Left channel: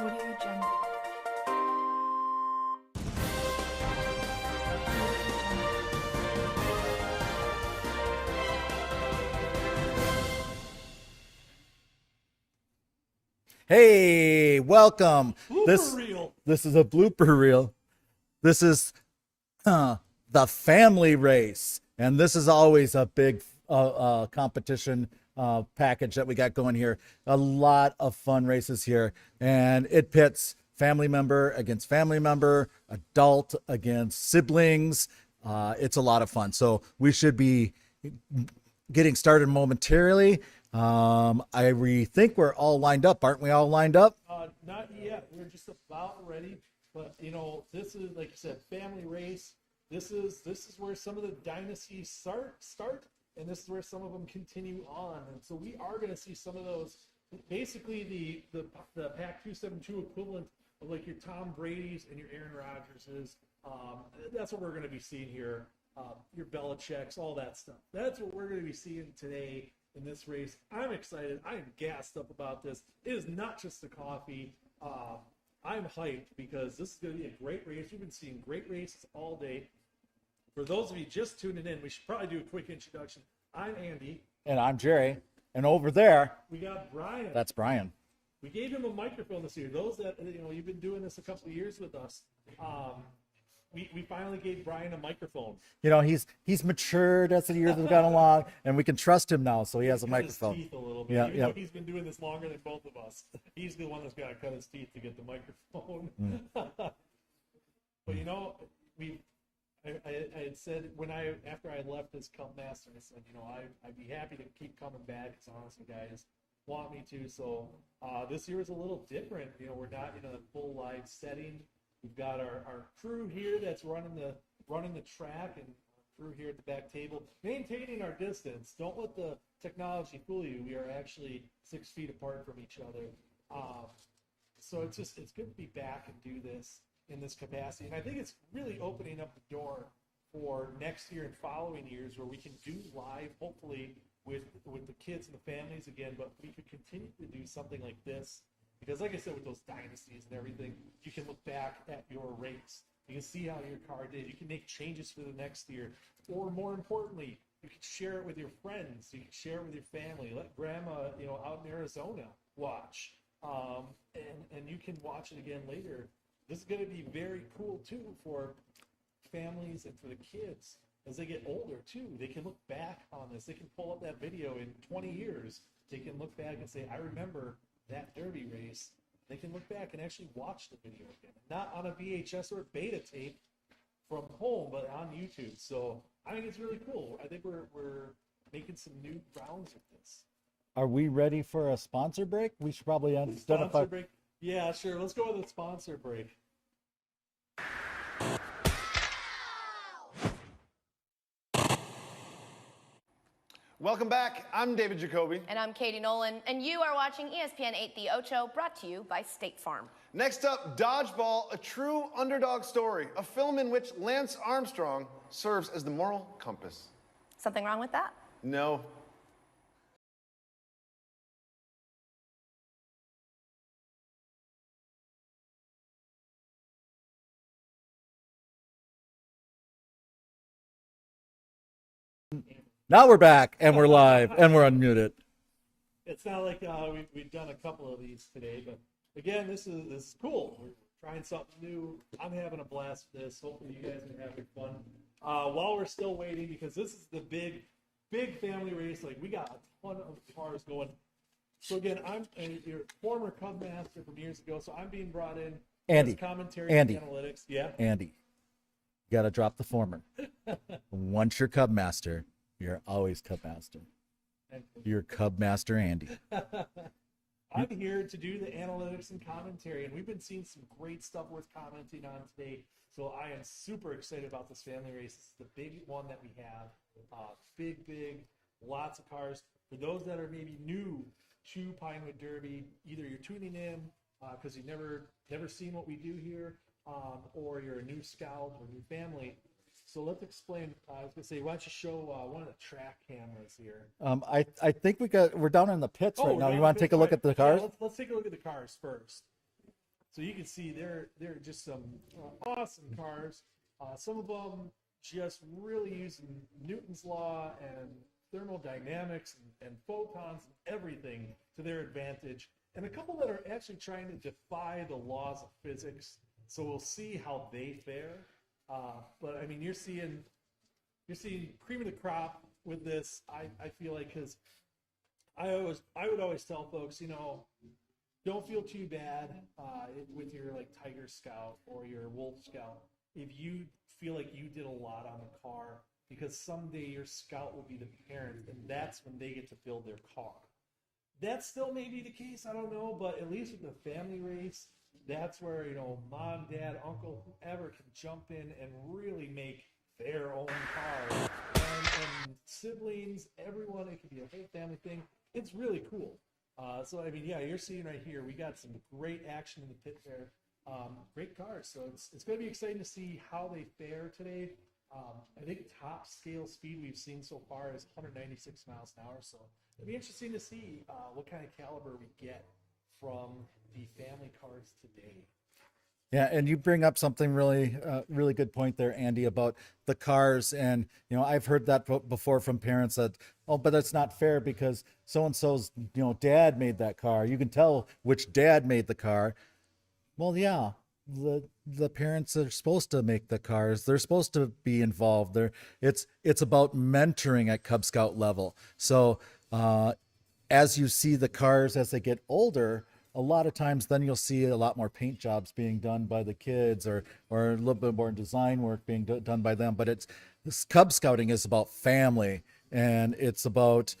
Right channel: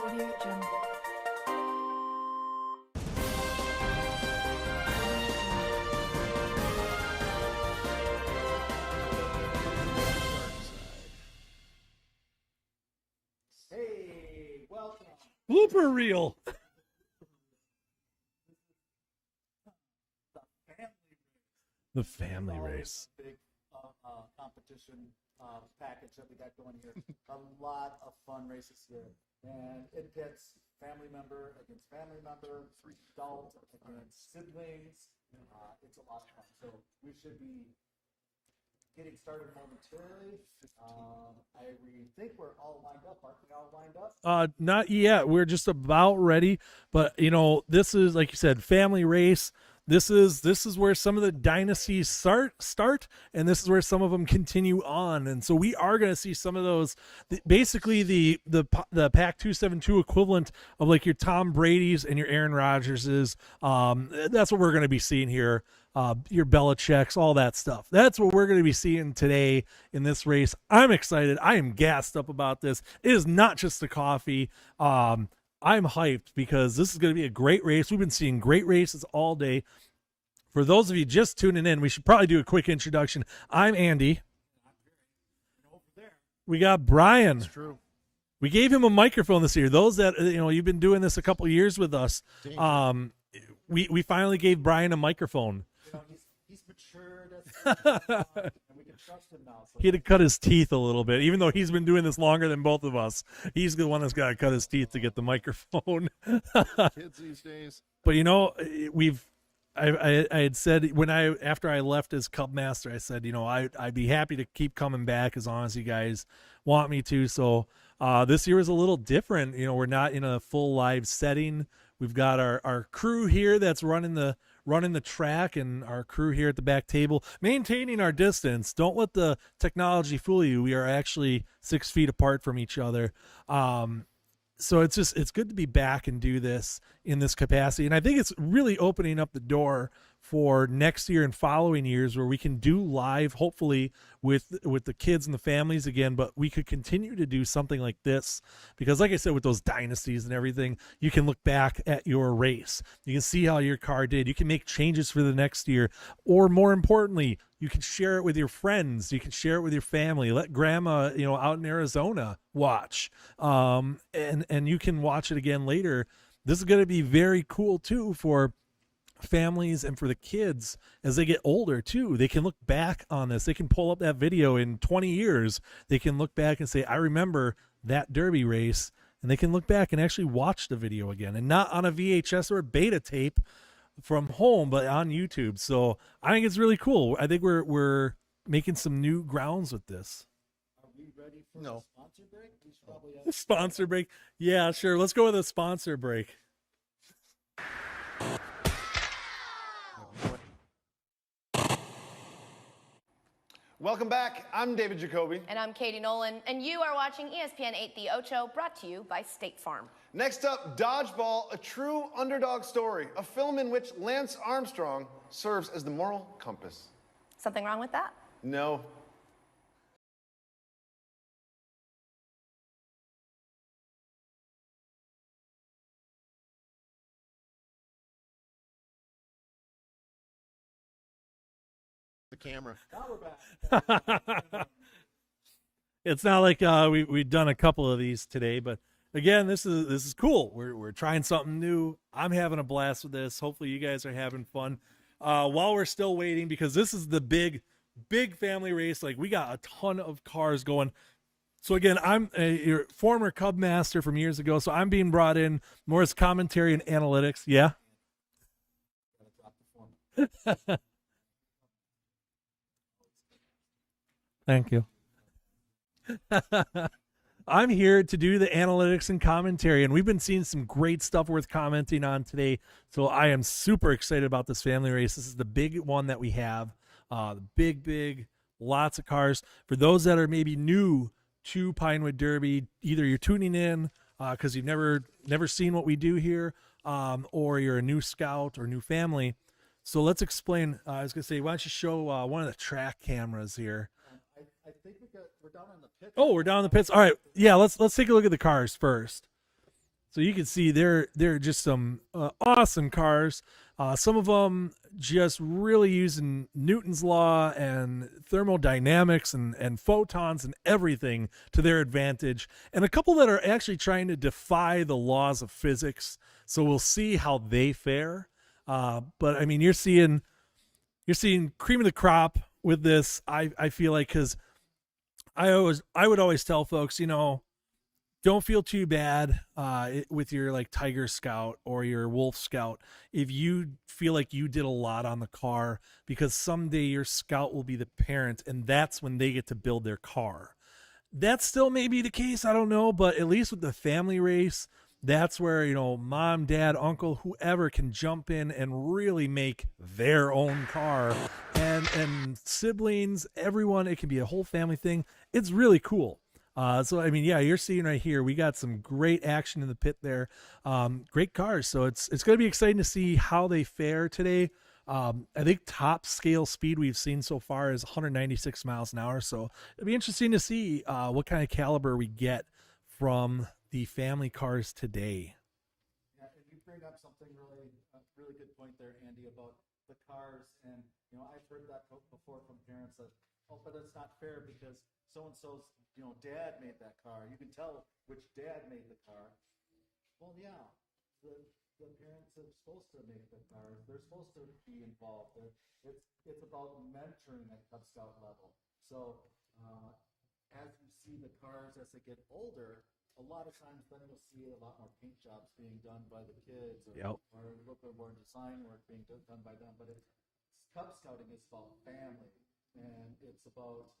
Audio Jungle. Hey, welcome. Blooper reel. This is a blooper reel. This is the family race. And this is always a big competition package that we got going here. A lot of fun races here. And it pits family member against family member, adult against siblings. It's a lot of fun. So we should be getting started momentarily. I think we're all lined up. Aren't we all lined up? Not yet. We're just about ready. But you know, this is, like you said, family race. This is where some of the dynasties start, and this is where some of them continue on. And so we are going to see some of those. Basically, the Pack 272 equivalent of like your Tom Brady's and your Aaron Rodgerses. That's what we're going to be seeing here. Your Belichick's, all that stuff. That's what we're going to be seeing today in this race. I'm excited. I am gassed up about this. It is not just the coffee. I'm hyped because this is going to be a great race. We've been seeing great races all day. For those of you just tuning in, we should probably do a quick introduction. I'm Andy. And I'm Jerry. And over there, we got Brian. That's Brian. We gave him a microphone this year. Those that, you've been doing this a couple of years with us. We finally gave Brian a microphone. You know, he's matured as the years have gone along, and we can trust him now. So he had to cut his teeth a little bit, Yeah, though he's been doing this longer than both of us. He's the one that's got to cut his teeth to get the microphone. Kids these days. But I had said after I left as Cub Master, I said, I'd be happy to keep coming back as long as you guys want me to. So this year is a little different. We're not in a full live setting. We've got our crew here that's running the track, and our crew here at the back table, maintaining our distance. Don't let the technology fool you. We are actually 6 feet apart from each other. So it's good to be back and do this in this capacity. And I think it's really opening up the door for next year and following years where we can do live, hopefully with the kids and the families again, but we could continue to do something like this because, like I said, with those dynasties and everything, you can look back at your race. You can see how your car did. You can make changes for the next year, or more importantly, you can share it with your friends. You can share it with your family. Let grandma, out in Arizona watch, and you can watch it again later. This is going to be very cool too for families and for the kids as they get older too. They can look back on this. They can pull up that video in 20 years. They can look back and say, I remember that Derby race, and they can look back and actually watch the video again, and not on a VHS or a beta tape from home, but on YouTube. So I think it's really cool. I think we're making some new grounds with this. Are we ready for a sponsor break? We should probably sponsor break. Yeah, sure. Let's go with a sponsor break. Welcome back. I'm David Jacoby. And I'm Katie Nolan. And you are watching ESPN 8 The Ocho, brought to you by State Farm. Next up, Dodgeball, a true underdog story, a film in which Lance Armstrong serves as the moral compass. Something wrong with that? No. Camera. Now we're back, and we're live, and we're unmuted. It's not like we've done a couple of these today, but again, this is cool. We're trying something new. I'm having a blast with this. Hopefully you guys are having fun. While we're still waiting, because this is the big family race. Like, we got a ton of cars going. So again, I'm your former Cub Master from years ago, so I'm being brought in more as commentary and analytics. Yeah, Andy, you got to drop the former. Once you're Cub Master, you're always Cub Master. Thank you. You're Cub Master Andy. I'm here to do the analytics and commentary, and we've been seeing some great stuff worth commenting on today. So I am super excited about this family race. This is the big one that we have. The big, lots of cars. For those that are maybe new to Pinewood Derby, either you're tuning in because you've never seen what we do here, or you're a new scout or new family. So let's explain. I was gonna say, why don't you show one of the track cameras here? I think we're down in the pits. Oh, right we're now. down You in the wanna pits. take a All look right. at the cars? Yeah, let's take a look at the cars first. So you can see they're just some awesome cars. Some of them just really using Newton's law and thermodynamics and photons and everything to their advantage. And a couple that are actually trying to defy the laws of physics. So we'll see how they fare. But I mean, you're seeing cream of the crop with this. I feel like, because I would always tell folks, don't feel too bad with your like Tiger Scout or your Wolf Scout if you feel like you did a lot on the car, because someday your Scout will be the parent, and that's when they get to build their car. That still may be the case, I don't know, but at least with the family race, that's where mom, dad, uncle, whoever can jump in and really make their own car, and siblings, everyone. It can be a whole family thing. It's really cool. So I mean, yeah, you're seeing right here, we got some great action in the pit there. Great cars. So it's going to be exciting to see how they fare today. I think top scale speed we've seen so far is 196 miles an hour. So it'll be interesting to see what kind of caliber we get from the family cars today. Yeah, and you bring up something really, really good point there, Andy, about the cars. And I've heard that before from parents that, oh, but that's not fair because so and so's, dad made that car. You can tell which dad made the car. Well, yeah, the parents are supposed to make the cars. They're supposed to be involved. It's about mentoring at Cub Scout level. So as you see the cars as they get older, a lot of times then you'll see a lot more paint jobs being done by the kids, or a little bit more design work being done by them. But this Cub Scouting is about family, and it's about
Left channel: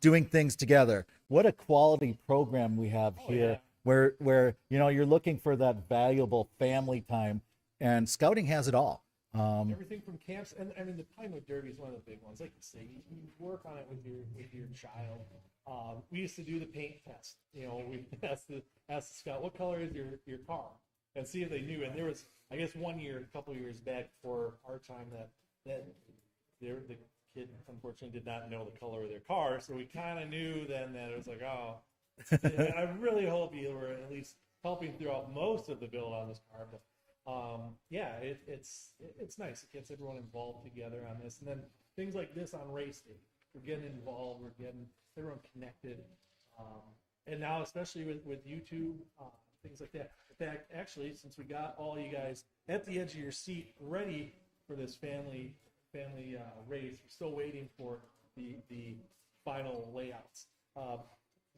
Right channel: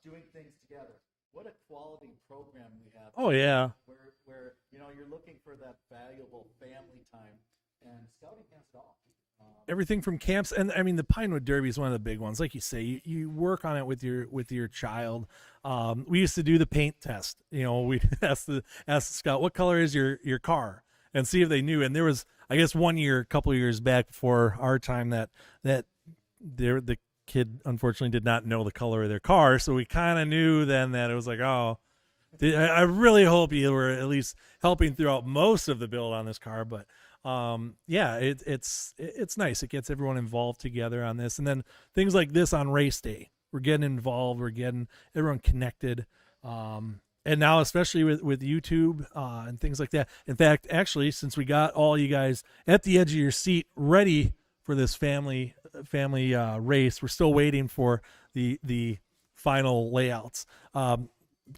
doing things together. What a quality program we have Oh, here, yeah. where you're looking for that valuable family time, and Scouting has it all. Everything from camps, and I mean the Pinewood Derby is one of the big ones. Like you say, you work on it with your child. We used to do the paint test. We ask the scout, what color is your car, and see if they knew. And there was, I guess, one year, a couple of years back before our time, that the kid unfortunately did not know the color of their car. So we kind of knew then that it was like, oh, I really hope you were at least helping throughout most of the build on this car. But yeah, it's nice. It gets everyone involved together on this, and then things like this on race day, we're getting involved, we're getting everyone connected, and now especially with YouTube and things like that. In fact, actually, since we got all you guys at the edge of your seat ready for this family race, we're still waiting for the final layouts.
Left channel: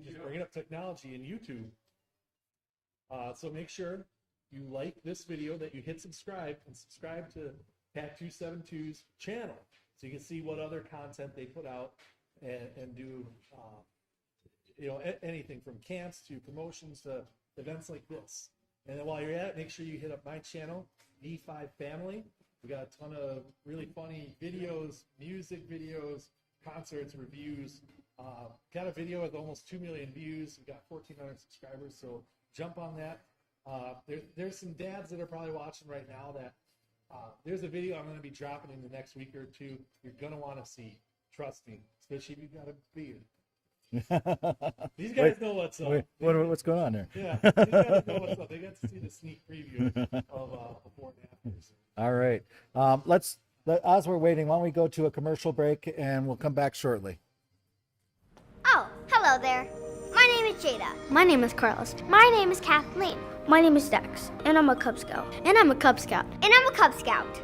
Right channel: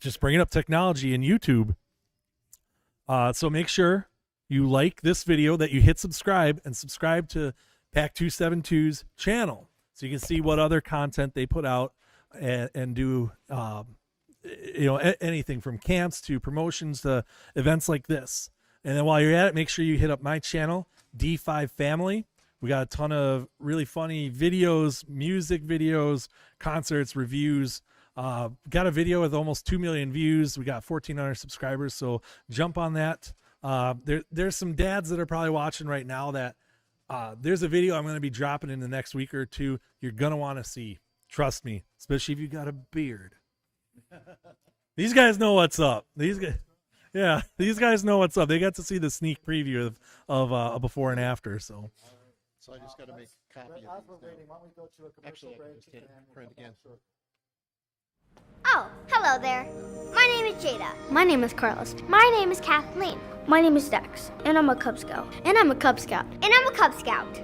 Just bringing up technology and YouTube, so make sure you like this video, that you hit subscribe, and subscribe to Pack 272's channel so you can see what other content they put out, and do anything from camps to promotions to events like this. And then while you're at it, make sure you hit up my channel, D5 Family. We got a ton of really funny videos, music videos, concerts, reviews. Got a video with almost 2 million views. We got 1,400 subscribers, so jump on that. There's some dads that are probably watching right now that there's a video I'm going to be dropping in the next week or two you're going to want to see. Trust me, especially if you got a beard. These guys know what's up. What's going on there? Yeah, these guys know what's up. They got to see the sneak preview of a before and after. So All right. As we're waiting, why don't we go to a commercial break, and we'll come back shortly. Oh, hello there. My name is Jada. My name is Carlos. My name is Kathleen. My name is Dex, and I'm a Cub Scout. And I'm a Cub Scout. And I'm a Cub Scout.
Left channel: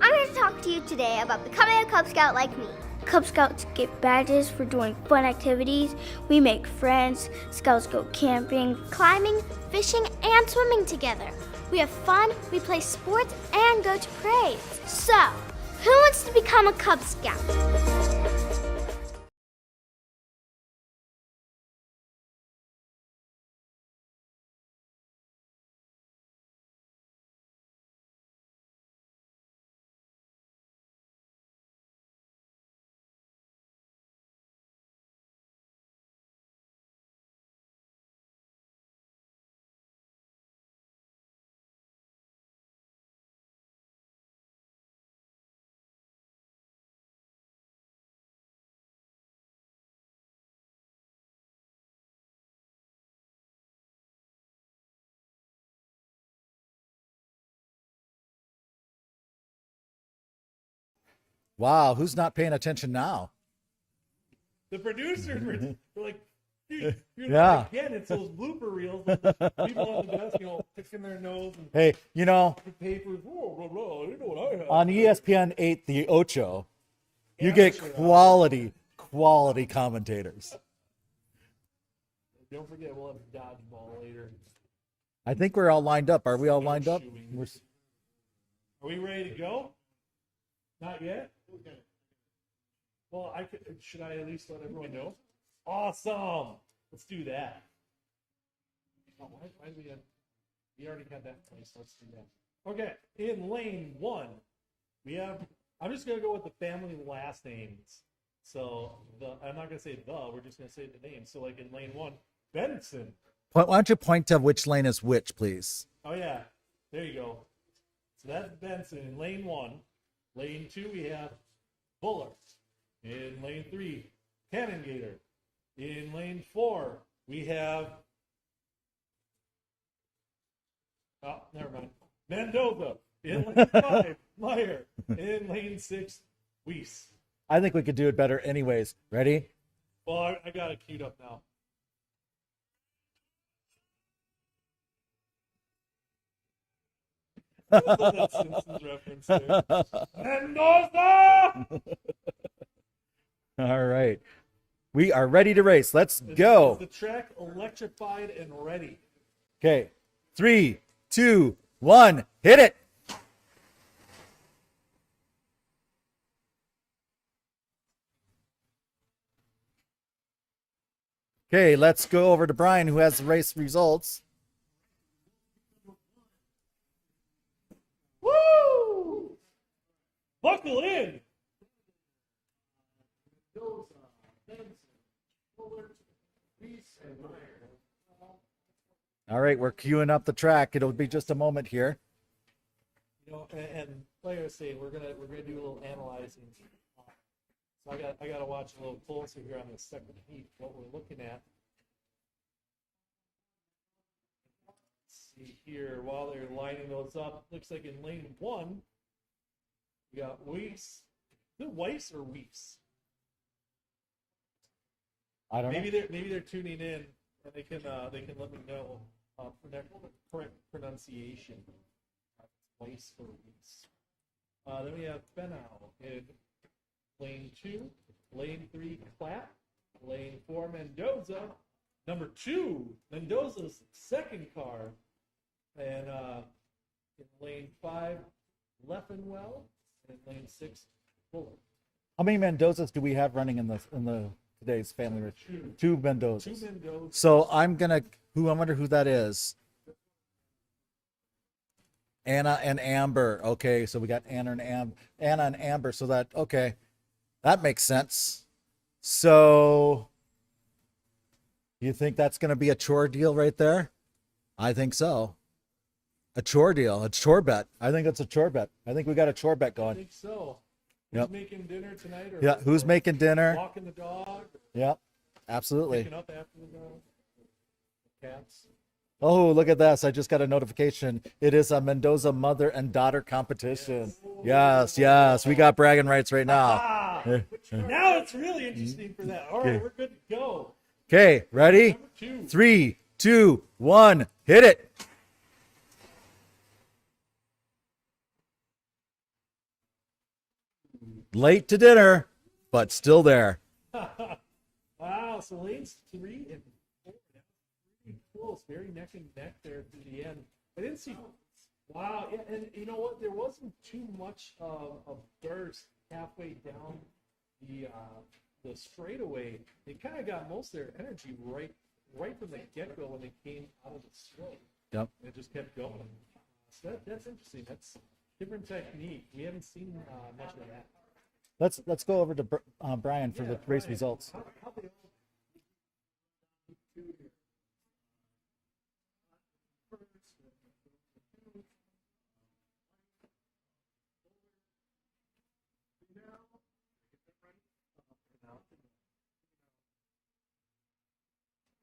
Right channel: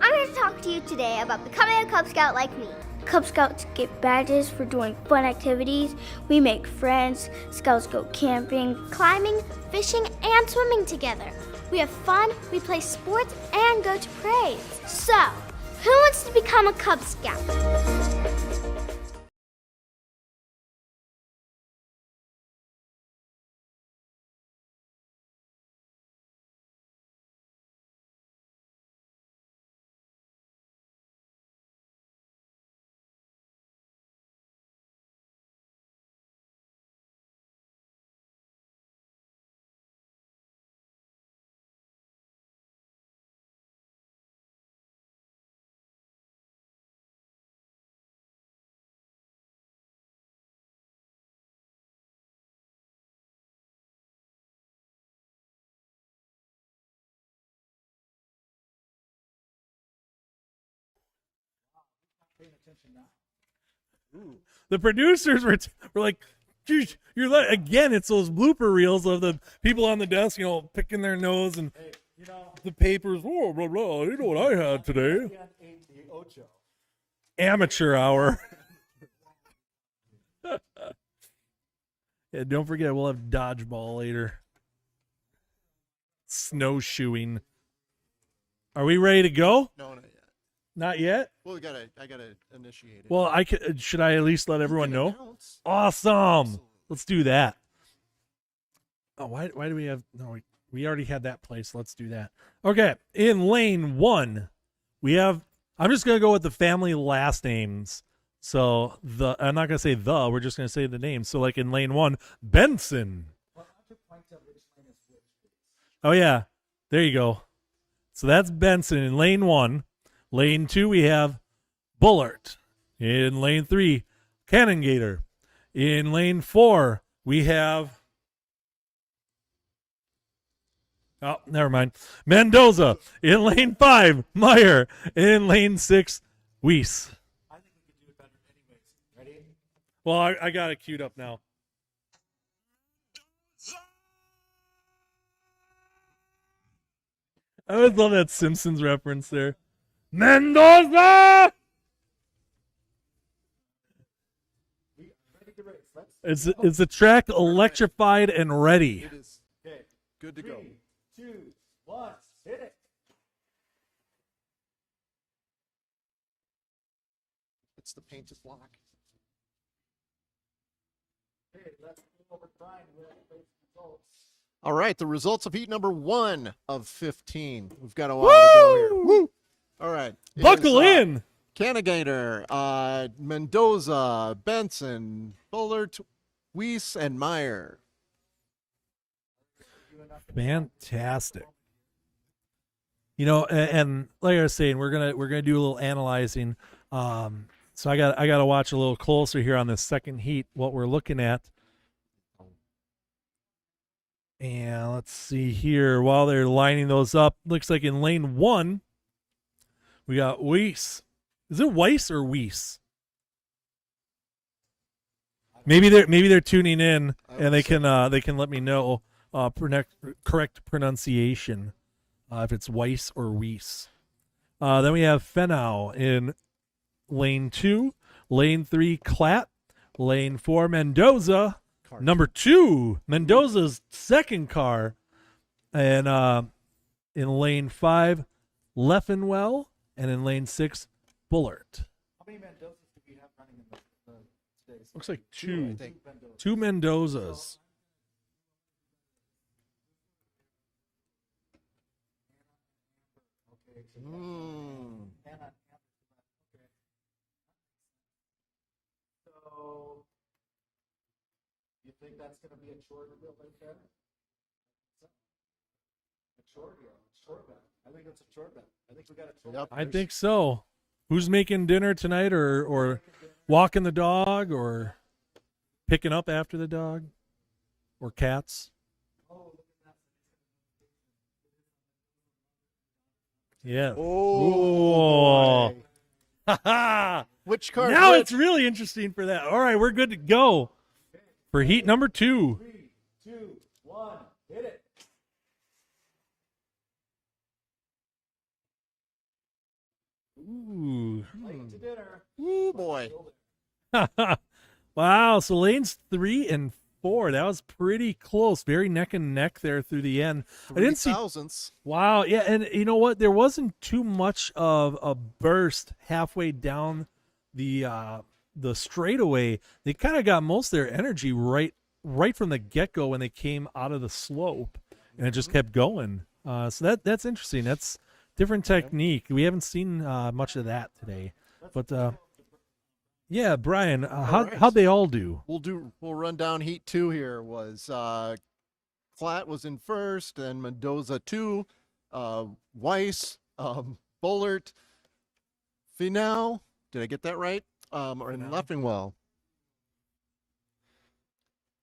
I'm here to talk to you today about becoming a Cub Scout like me. Cub Scouts get badges for doing fun activities. We make friends. Scouts go camping, climbing, fishing, and swimming together. We have fun, we play sports, and go to parades. So, who wants to become a Cub Scout? Wow, who's not paying attention now? The producers were like, "Geez, you're Yeah. again." It's those blooper reels of the people on the desk, picking their nose and Hey, the papers. Blah, blah, blah. You know what I had on today? ESPN 8, the Ocho, you Amateur get hour. quality commentators. Yeah, don't forget, we'll have dodgeball later. I think we're all lined up. Are we all lined up? Snowshoeing. We're- Are we ready to go? No, not yet. Not yet. Well, I gotta initiate it. Well, should I at least let everyone know? Announce. Awesome. Let's do that. Oh, why do we have no? We already had that place. Let's do that. Okay, in lane 1, we have. I'm just gonna go with the family last names. So I'm not gonna say the. We're just gonna say the names. So like in lane 1, Benson. Why don't you point to which lane is which, please? Oh yeah, there you go. So that's Benson in lane 1. Lane 2, we have Bullard. In lane 3, Cannon Gator. In lane 4, we have. Oh, never mind. Mendoza. In lane 5, Meyer. In lane 6, Weiss. I think we could do it better anyways. Ready? Well, I got it queued up now. I always love that Simpsons reference there. Mendoza! All right. We are ready to race. Let's Is go. the track electrified and ready? It is Okay. good. To 3, 2, 1. Hit it. It's the painted block. Okay, let's go over to Brian, who has the race results. All right, the results of heat number 1 of 15. We've got a while to go here. Woo! All right. It Buckle is, in. Cannigator, Mendoza, Benson, Bullard, Weiss, and Meyer. All right, we're queuing up the track. It'll be just a Fantastic. moment here. And like I was saying, we're gonna do a little analyzing. So I got to watch a little closer here on this second heat, what we're looking at. And let's see here. While they're lining those up, looks like in lane 1, we got Weiss. Is it Weiss or Weiss? I don't Maybe they're tuning in I and they would can let me know correct pronunciation if it's Weiss or Weiss. Then we have Fenau in lane 2, lane 3 Klatt, lane 4 Mendoza, Car number 2 Mendoza's second car, and in lane 5 Leffenwell, and in lane 6 Bullard. How many Mendozas do we have running in the today's Looks family like race? two. Two Mendozas. 2 Mendozas. So I wonder who that is. Anna and Amber. Okay, so we got Anna and Amber. So that makes sense. So you think that's going to be a chore deal right there? I think so. A chore deal, a chore bet. I think it's a chore bet. I think we got a chore bet going. I think so. Who's Yep. making dinner tonight, or Yeah, who's or making dinner? walking the dog, or Yep, absolutely. picking up after the dog, or cats? Oh, look at this. I just got a notification. It is a Mendoza mother and daughter competition. Yes. Yes. We got bragging rights right now. Ah! Which car? Now which? it's really interesting for that. All right, we're good to go. Okay, For ready? heat number 2. 3, 2, 1, hit it. Ooh. Late to dinner, Ooh, but boy. still there. Wow, so lanes 3 and 4, that was pretty close. Very neck and neck there through the end. I didn't see. 3,000ths. Wow, yeah, and you know what? There wasn't too much of a burst halfway down the straightaway. They kind of got most of their energy right from the get-go when they came out of the slope. Yep. And it just kept going. So that's interesting. That's different technique. We haven't seen much of that today. Let's But, go over to Brian. for Yeah, the race Brian, results. how'd they all do? We'll run down heat 2 here. Was Klatt was in first, and Mendoza 2, Weiss, Bullard, Finau. Did I get that right? Or in Leffingwell.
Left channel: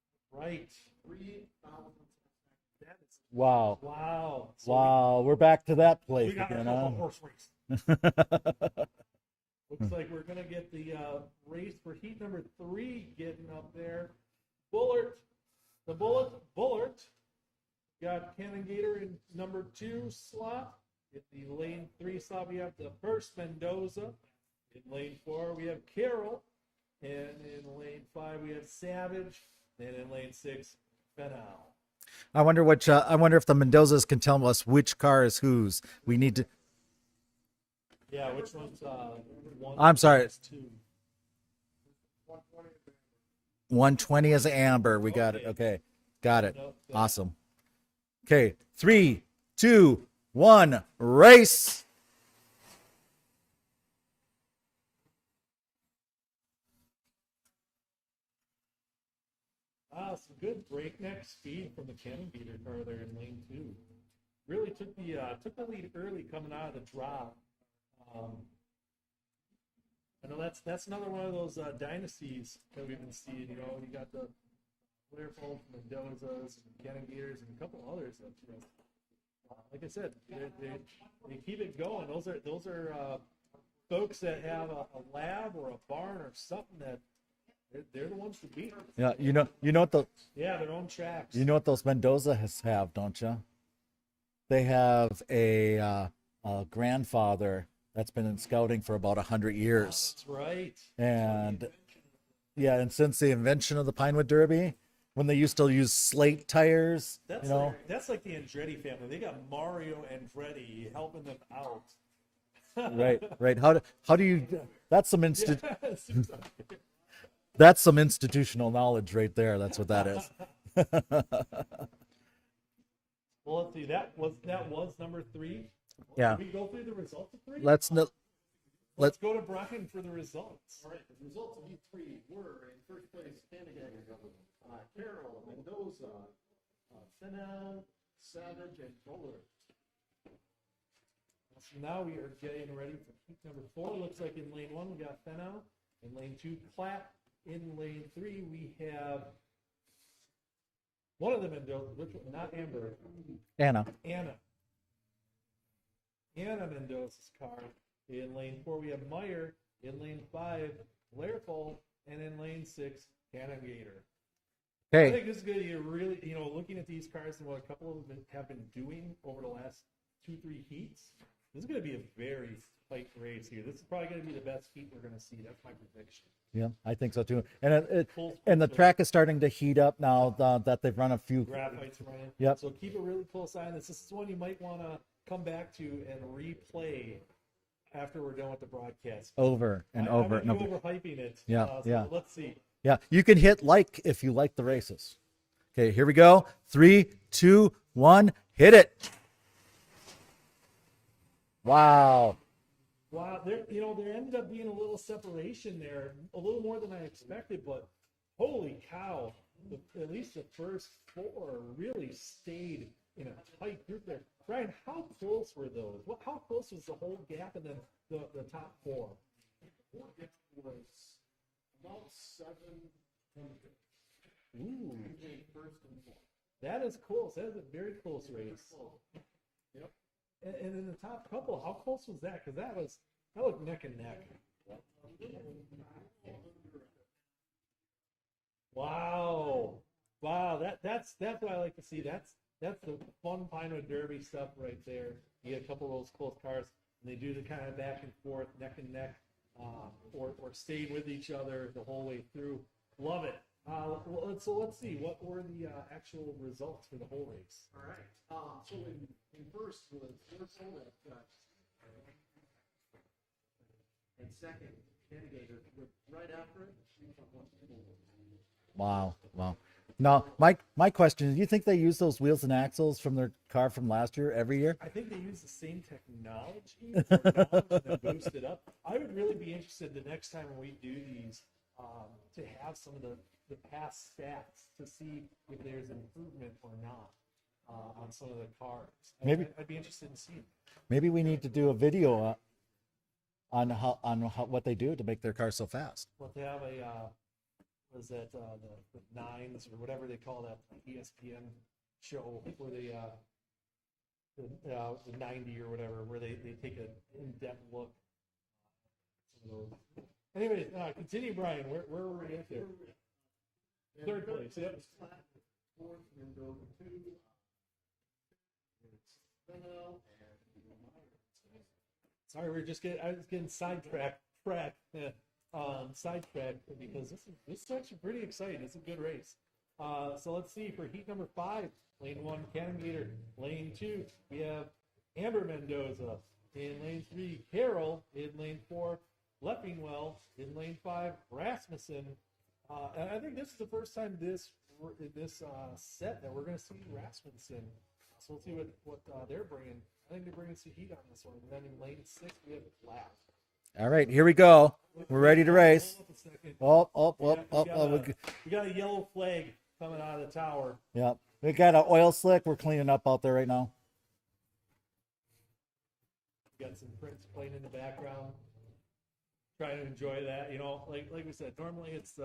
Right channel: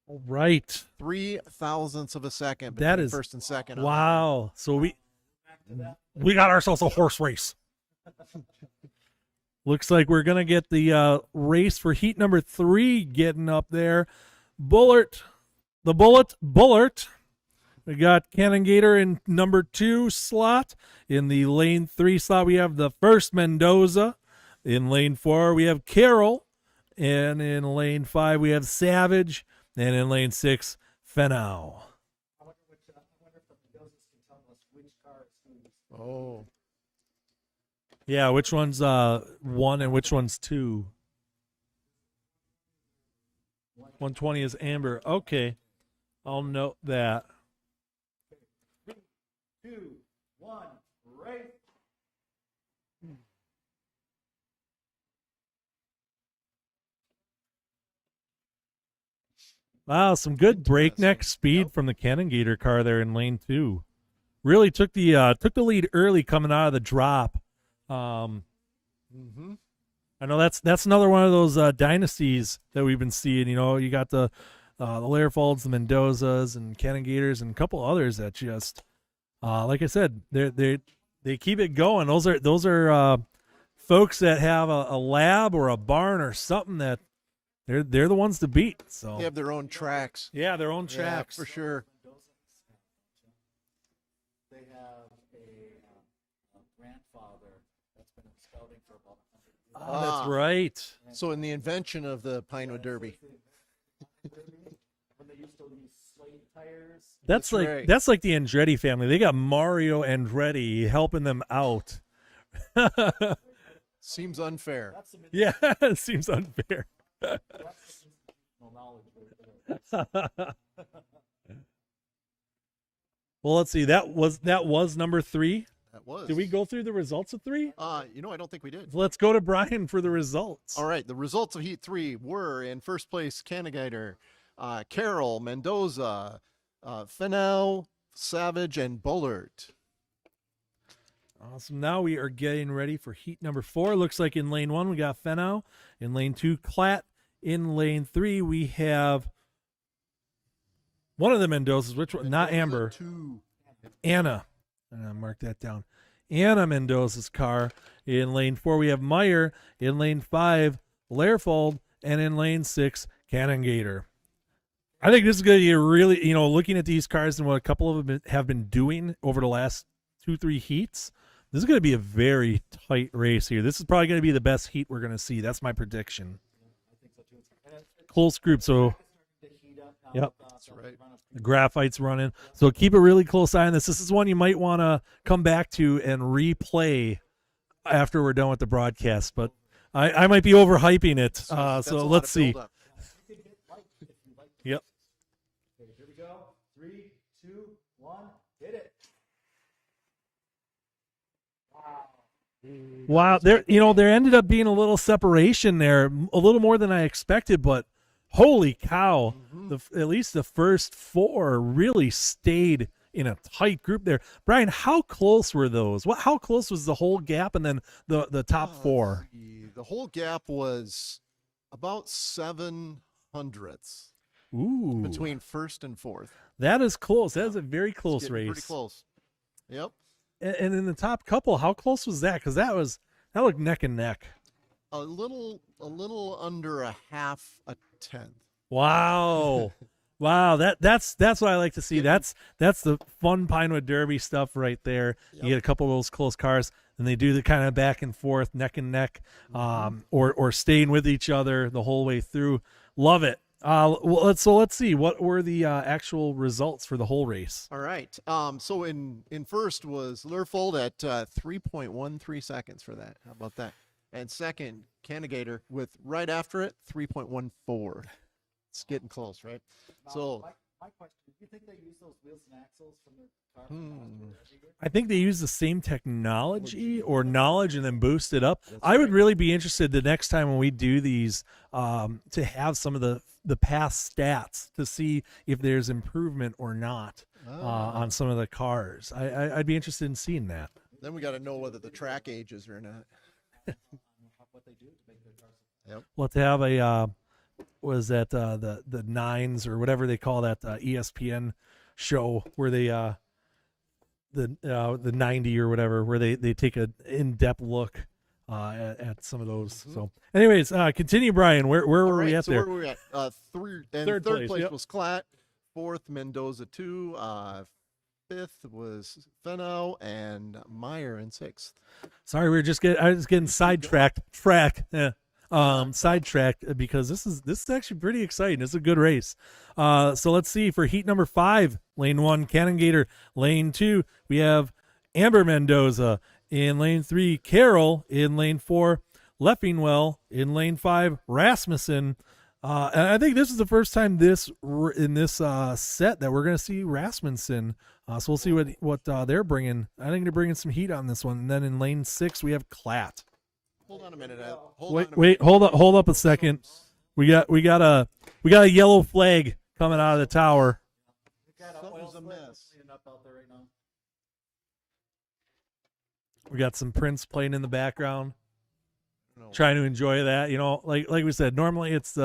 All right. 3,000ths of a second That between is- first and wow. second. Wow. So wow, we're back to that place. we got ourselves a horse race. Looks like we're going to get the race for heat number 3 getting up there. Bullard. We got Cannon Gator in number 2 slot. In the lane 3 slot, we have the first Mendoza. In lane 4, we have Carroll. And in lane 5, we have Savage. And in lane 6, Fenau. I wonder which. I wonder if the Mendozas can tell us which car is whose. We need to. Yeah, which one's 1 and I'm which sorry. one's 2? 120 is 120 is Amber. Amber. We got Okay. it. Okay, got I'll it. note that. Awesome. Okay, 3, 2, 1, race. Wow, some good breakneck speed from the Cannon Gator car there in lane 2. Really took the lead early coming out of the drop. I know that's another one of those dynasties that we've been seeing. You know, you got the Learfolds, the Mendozas, and Cannon Gators, and a couple others that just, like I said, they keep it going. Those are folks that have a lab or a barn or something that they're the ones to beat. So. Yeah, They have their own what the- tracks. Yeah, their own tracks. You know what those Mendoza have, don't you? They have a grandfather that's been in scouting for about 100 years. That's right. So in the And- invention of the Pinewood yeah, and Derby. since the invention of the Pinewood Derby, when they used to use slate tires. That's you know, like Right. that's like the Andretti family. They got Mario Andretti helping them out. right. How do Seems you? unfair. That's some Yeah, it seems unfair. that's some institutional knowledge right there. That's what that is. Well, let's see. That was number 3. That was. Yeah. Did we go through the results of 3? Let's no- I don't think we did. Let's go to Brian for the results. All right, the results of Heat 3 were in first place, Canagator, Carroll, Mendoza, Fenau, Savage, and Bullard. Awesome. Now we are getting ready for heat number 4. Looks like in lane 1 we got Fenau. In lane 2, Klatt. In lane 3 we have one of the Mendozas. Which one? Not Amber. Anna. Anna. Mark that down. Anna Mendoza's car. In lane 4, we have Meyer. In lane 5, Learfold. And in lane 6, Cannon Gator. Okay. I think this is going to be a really, looking at these cars and what a couple of them have been doing over the last 2-3 heats, this is going to be a very tight race here. This is probably going to be the best heat we're going to see. That's my prediction. Yeah, I think so too. And Close group. and the So track is starting to heat up now Yep. that they've run a few. Graphite's running. Yep. So keep a really close eye on this. This is one you might want to come back to and replay after we're done with the broadcast. But Over. I might be overhyping it. Yeah. So There's a lot let's of see. buildup. Yeah, you can hit like if you like the Yep. races. Okay, here we go. 3, 2, 1, hit it. Wow. Wow, there ended up being a little separation there, a little more than I expected, but holy cow, at least the first 4 really stayed in a tight group there. Brian, how close were those? How close was the whole gap and then the top 4? The whole gap was about 7/100ths Ooh, between first and fourth. that is close. That is a very close Getting race. Pretty close. Yep. And in the top couple, how close was that? Because that looked neck and neck. A little under a half a tenth. Wow. Wow, that's what I like to see. That's the fun Pinewood Derby stuff right there. You get a couple of those close cars, and they do the kind of back and forth, neck and neck, or staying with each other the whole way through. Love it. Let's see. What were the actual results for the whole race? All right. So in first was Learfold at 3.13 seconds for that. How about that? And second, Canagator with right after it 3.14. It's getting Wow, close, wow. right? Now, So- my question is, do you think they use those wheels and axles from their car from last year every year? I think they use the same technology or knowledge and then boost it up. I would really be interested the next time when we do these to have some of the past stats to see if there's improvement or not on some of the cars. I'd be interested in seeing that. Maybe Then we gotta need to know do a whether the video track ages or not. on what they do to make their cars so fast. We'll have to have a was that the nines or whatever they call that ESPN show where they the 90 or whatever where they take an in-depth look at some of those. So, anyways, continue, Brian. Where were we at so there? where were we at? Third place, place yep. was Klatt. Fourth, Mendoza 2. Fifth was Fenau, and Meyer in sixth. Sorry, I was getting sidetracked. Sidetracked because this is actually pretty exciting. It's a good race. So let's see for heat number 5, lane 1, Cannon Gator. Lane 2, we have Amber Mendoza. In lane 3, Carol. In lane 4, Leffingwell. In lane 5, Rasmussen. And I think this is the first time in this set that we're going to see Rasmussen. So we'll see what they're bringing. I think they're bringing some heat on this one. And then in lane 6, we have Klatt. All right, here we go. Wait, hold up a second. We got a yellow flag coming out of the tower. Yep, we got an oil slick. We're cleaning up out there right now. We got some Prince playing in the background. Trying to enjoy that, like we said. Normally it's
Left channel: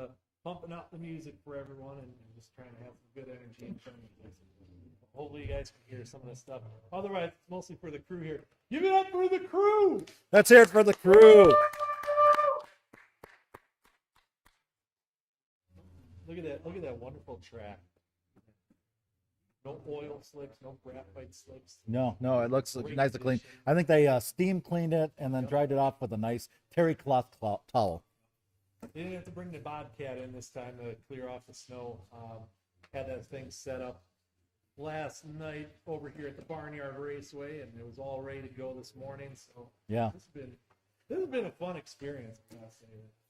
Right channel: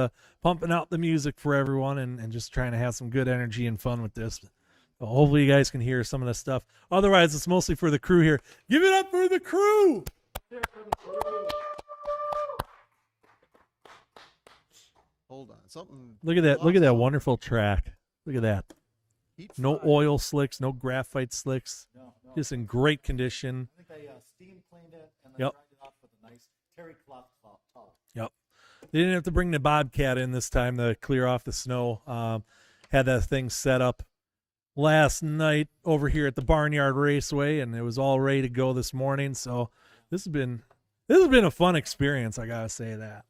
pumping out the music for everyone and just trying to have some good energy and fun with this. Well, hopefully you guys can hear some of this stuff. Otherwise, it's mostly for the crew here. Give it up for the crew. Let's hear it for the crew. Hold on, something. Look at that! Look at that wonderful track. Look at that. Heat No 5. oil slicks, no graphite slicks. No, Just it in looks great nice and clean. condition. I think they steam cleaned it and then Yep. dried it off with a nice terry cloth towel. Yep. They didn't have to bring the Bobcat in this time to clear off the snow. Had that thing set up last night over here at the Barnyard Raceway, and it was all ready to go this morning. So Yeah, this has been a fun experience. I gotta say that.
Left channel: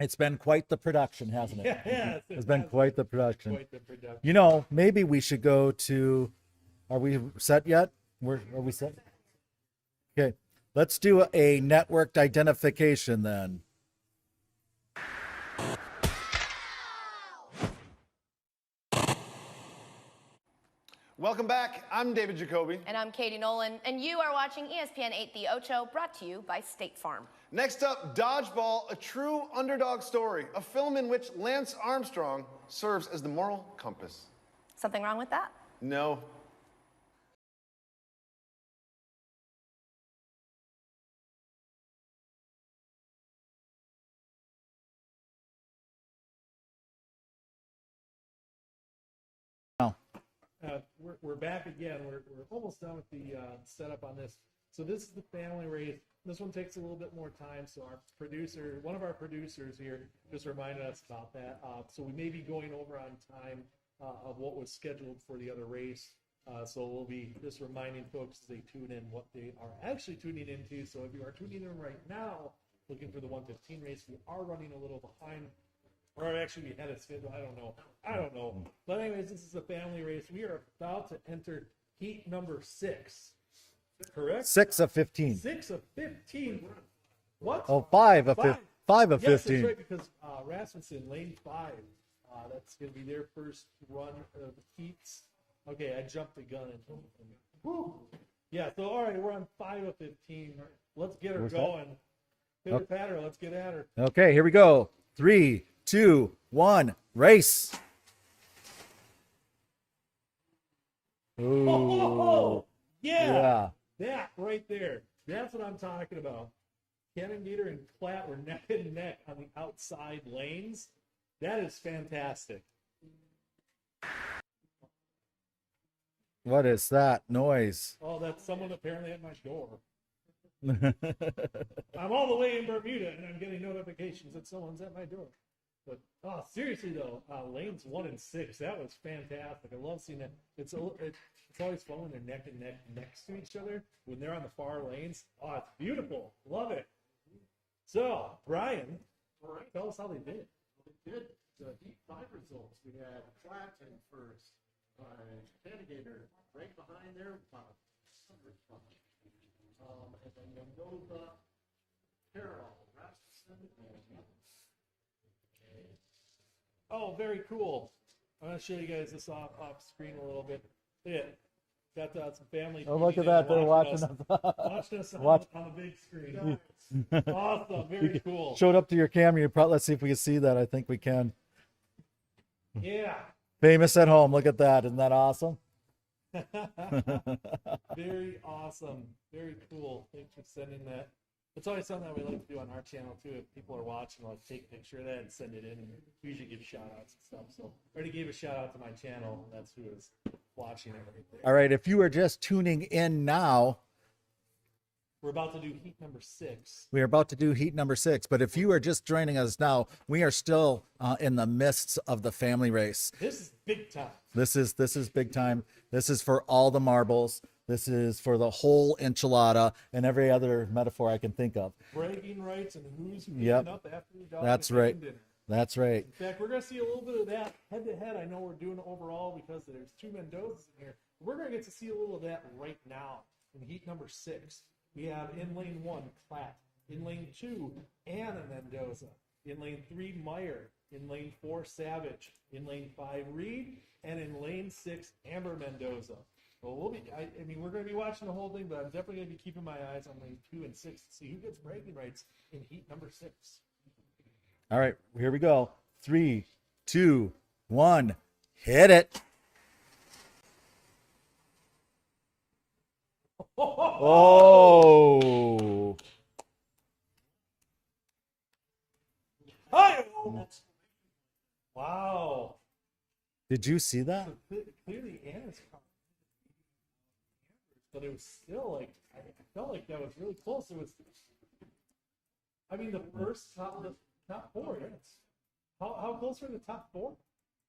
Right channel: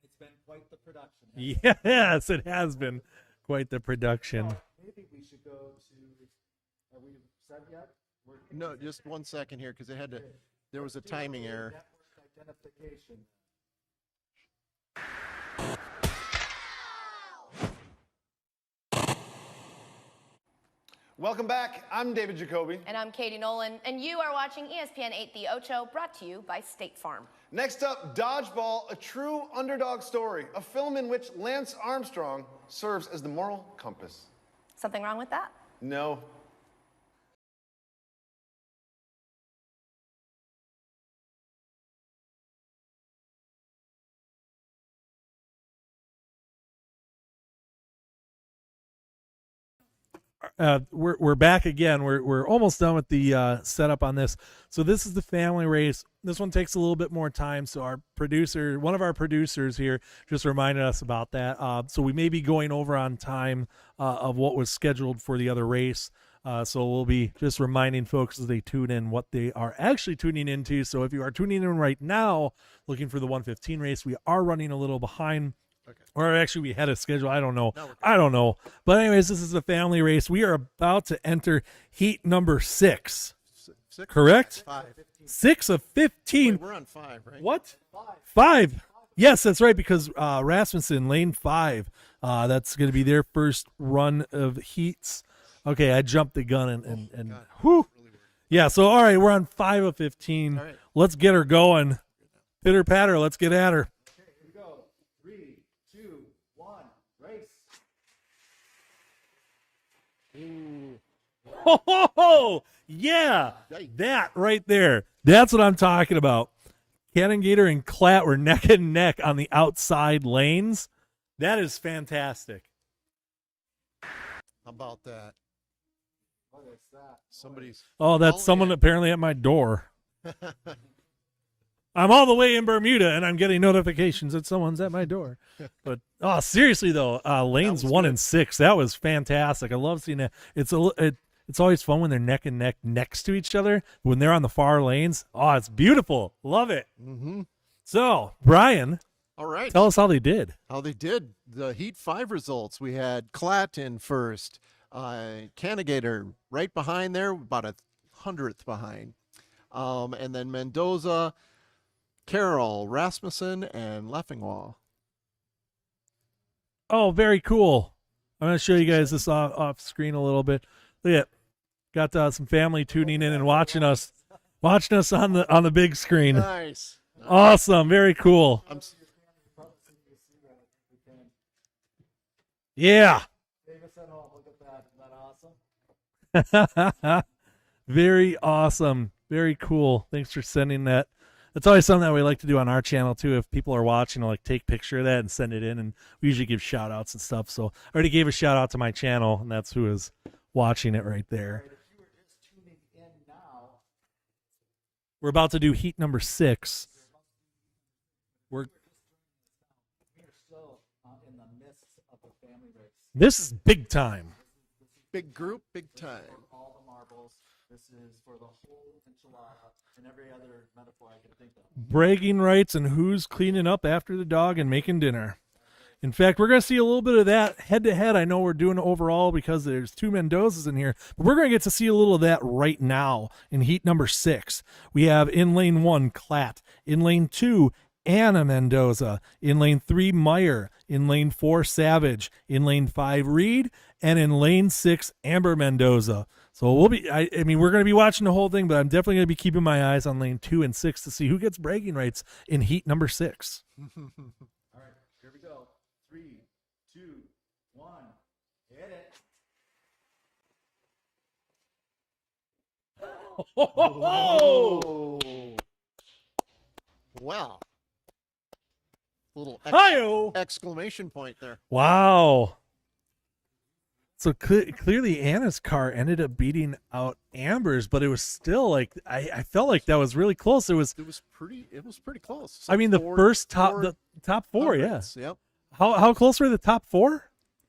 it's been quite the production, hasn't it? Yes, it It's been has quite been the production. quite the production. Maybe we should go to. Are we set yet? Are No, we set? just 1 second here because they had to. Okay, there let's was do timing a there. networked identification then. Welcome back. I'm David Jacoby. And I'm Katie Nolan, and you are watching ESPN 8 The Ocho, brought to you by State Farm. Next up, Dodgeball, a true underdog story, a film in which Lance Armstrong serves as the moral compass. Something wrong with that? No. We're back again. We're almost done with the setup on this. So this is the family race. This one takes a little bit more time. So one of our producers here, just reminded us about that. So we may be going over on time of what was scheduled for the other race. So we'll be just reminding folks as they tune in what they are actually tuning into. So if you are tuning in right now, looking for the 115 race, we are running a little behind. Or actually, we had a schedule. I don't know. But anyways, this is a family race. We are about to enter heat number 6. Correct? 6 of 15. 6 of 15. Wait, we're on 5, right? What? Oh, 5 of 5. 5 of Yes, 15. that's right, because Rasmussen, lane 5. That's going to be their first run of heats. Okay, I jumped the gun and whew. Yeah, so all right, we're on 5 of 15. All right. Let's get her going. Pitter patter, let's get at her. Okay, here we go. 3, 2, 1, race. Oh, yeah. That right there. That's what I'm talking about. Cannon Gator and Klatt were neck and neck on the outside lanes. That is fantastic. How about that? What is that noise? Oh, that's someone apparently at my door. I'm all the way in Bermuda and I'm getting notifications that someone's at my door. But seriously though, lanes 1 and 6, that was fantastic. I love seeing that. It's always fun when they're neck and neck next to each other. When they're on the far lanes, it's beautiful. Love it. Mm-hmm. So, Brian, All right. tell us how they did. How they did. The Heat 5 results. We had Klatt in first. Cannigator right behind there, about 100th behind. And then Mendoza, Carroll, Rasmussen, and Leffingwell. Oh, very cool. I'm going to show you guys this off screen a little bit. Look at it. Got some family tuning in and watching us on the big screen. Nice. Awesome. Very cool. Showed up to your camera. Let's see if we can see that. I think we can. Yeah. Famous at home. Look at that. Isn't that awesome? Very awesome. Very cool. Thanks for sending that That's always something that we like to do on our channel too. If people are watching, like take picture of that and send it in, and we usually give shout outs and stuff. So I already gave a shout out to my channel, and that's who is watching it right there. All right, if you are just tuning in now, we're about to do heat number 6. we are about to do heat number 6. But if you are just joining us now, we are still in the midst of the family race. This is big time. This is big time. big This is time. for all the marbles. This is for the whole enchilada and every other metaphor I can think of. Bragging rights and who's cleaning Yep. up after the dog That's and making right. dinner. That's right. In fact, we're going to see a little bit of that head to head. I know we're doing overall because there's 2 Mendozas in here, but we're going to get to see a little of that right now in heat number 6. We have in lane 1, Klatt. In lane 2, Anna Mendoza. In lane 3, Meyer. In lane 4, Savage. In lane 5, Reed. And in lane 6, Amber Mendoza. So we'll be, I mean, we're going to be watching the whole thing, but I'm definitely going to be keeping my eyes on lane 2 and 6 to see who gets bragging rights in heat number 6. All right, here we go. 3, 2, 1, hit it. Oh. Wow. Little Hi-yo! exclamation point there. Wow. Did you see that? So clearly Anna's car ended up beating out Amber's, but it was still like, I felt like that was really close. It was pretty close. I mean, the top 4, yeah. hundredths, Yep. How close were the top 4?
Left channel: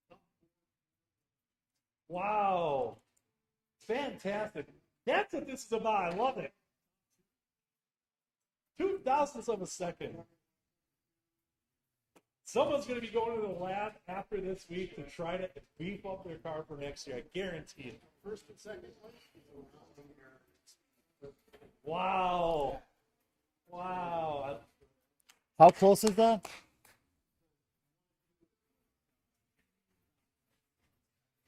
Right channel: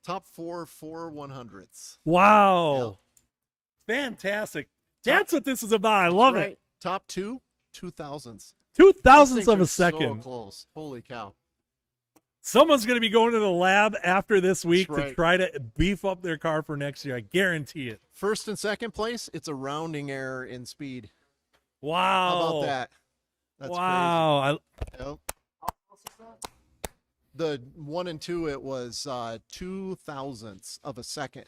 Top 4 100ths. Wow. Fantastic. That's what this is about. I love it. Top 2 2000s. 2,000ths of a So second. close. Holy cow. Someone's going to be going to the lab after this week to right. try to beef up their car for next year. I guarantee it. First and second place, it's a rounding error in speed. Wow. How about that? That's wow. crazy. Yep. How close is that? The 1 and 2, it was 2,000ths of a second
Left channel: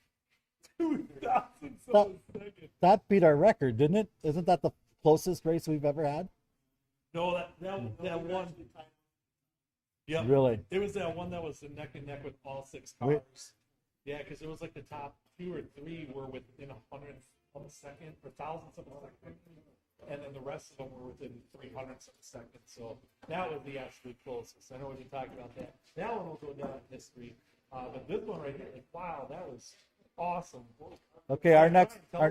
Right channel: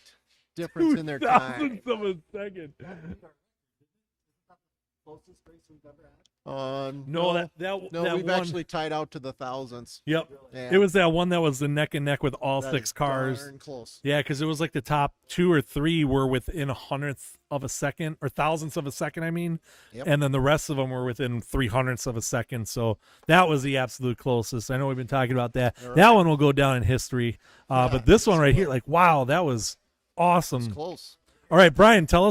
difference in their time. 2,000ths of a second. That beat our record, didn't it? Isn't that the closest race we've ever had? No, no, that we've one, actually tied out to the thousands. Yep. Really? Yeah. It was that one that was the neck and neck with all That 6 is cars. darn close. Yeah, because it was like the top 2 or 3 were within 100th of a second, or thousandths of a second, I mean. Yep. And then the rest of them were within 300ths of a second. So that was the absolute closest. I know we've been talking about that. All right. That one will go down in history. But this one right here, like, wow, that was It's awesome. close. Okay. All right, our next- Brian, tell our-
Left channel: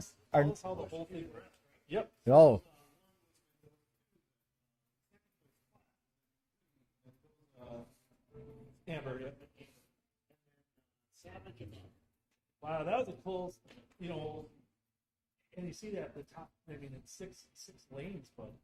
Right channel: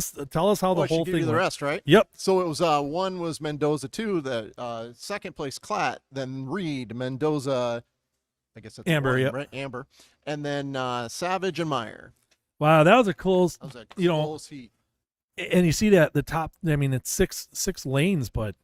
us how the I should whole give thing you the went. rest, right? Yep. So Whoa. it was 1 was Mendoza, 2, the second place Klatt, then Reed, Mendoza, I guess that's Amber, 1, yep. right? Amber, and then Savage and Meyer. Wow, that was a close, That was a you know, close heat. and you see that the top, I mean, it's six lanes, but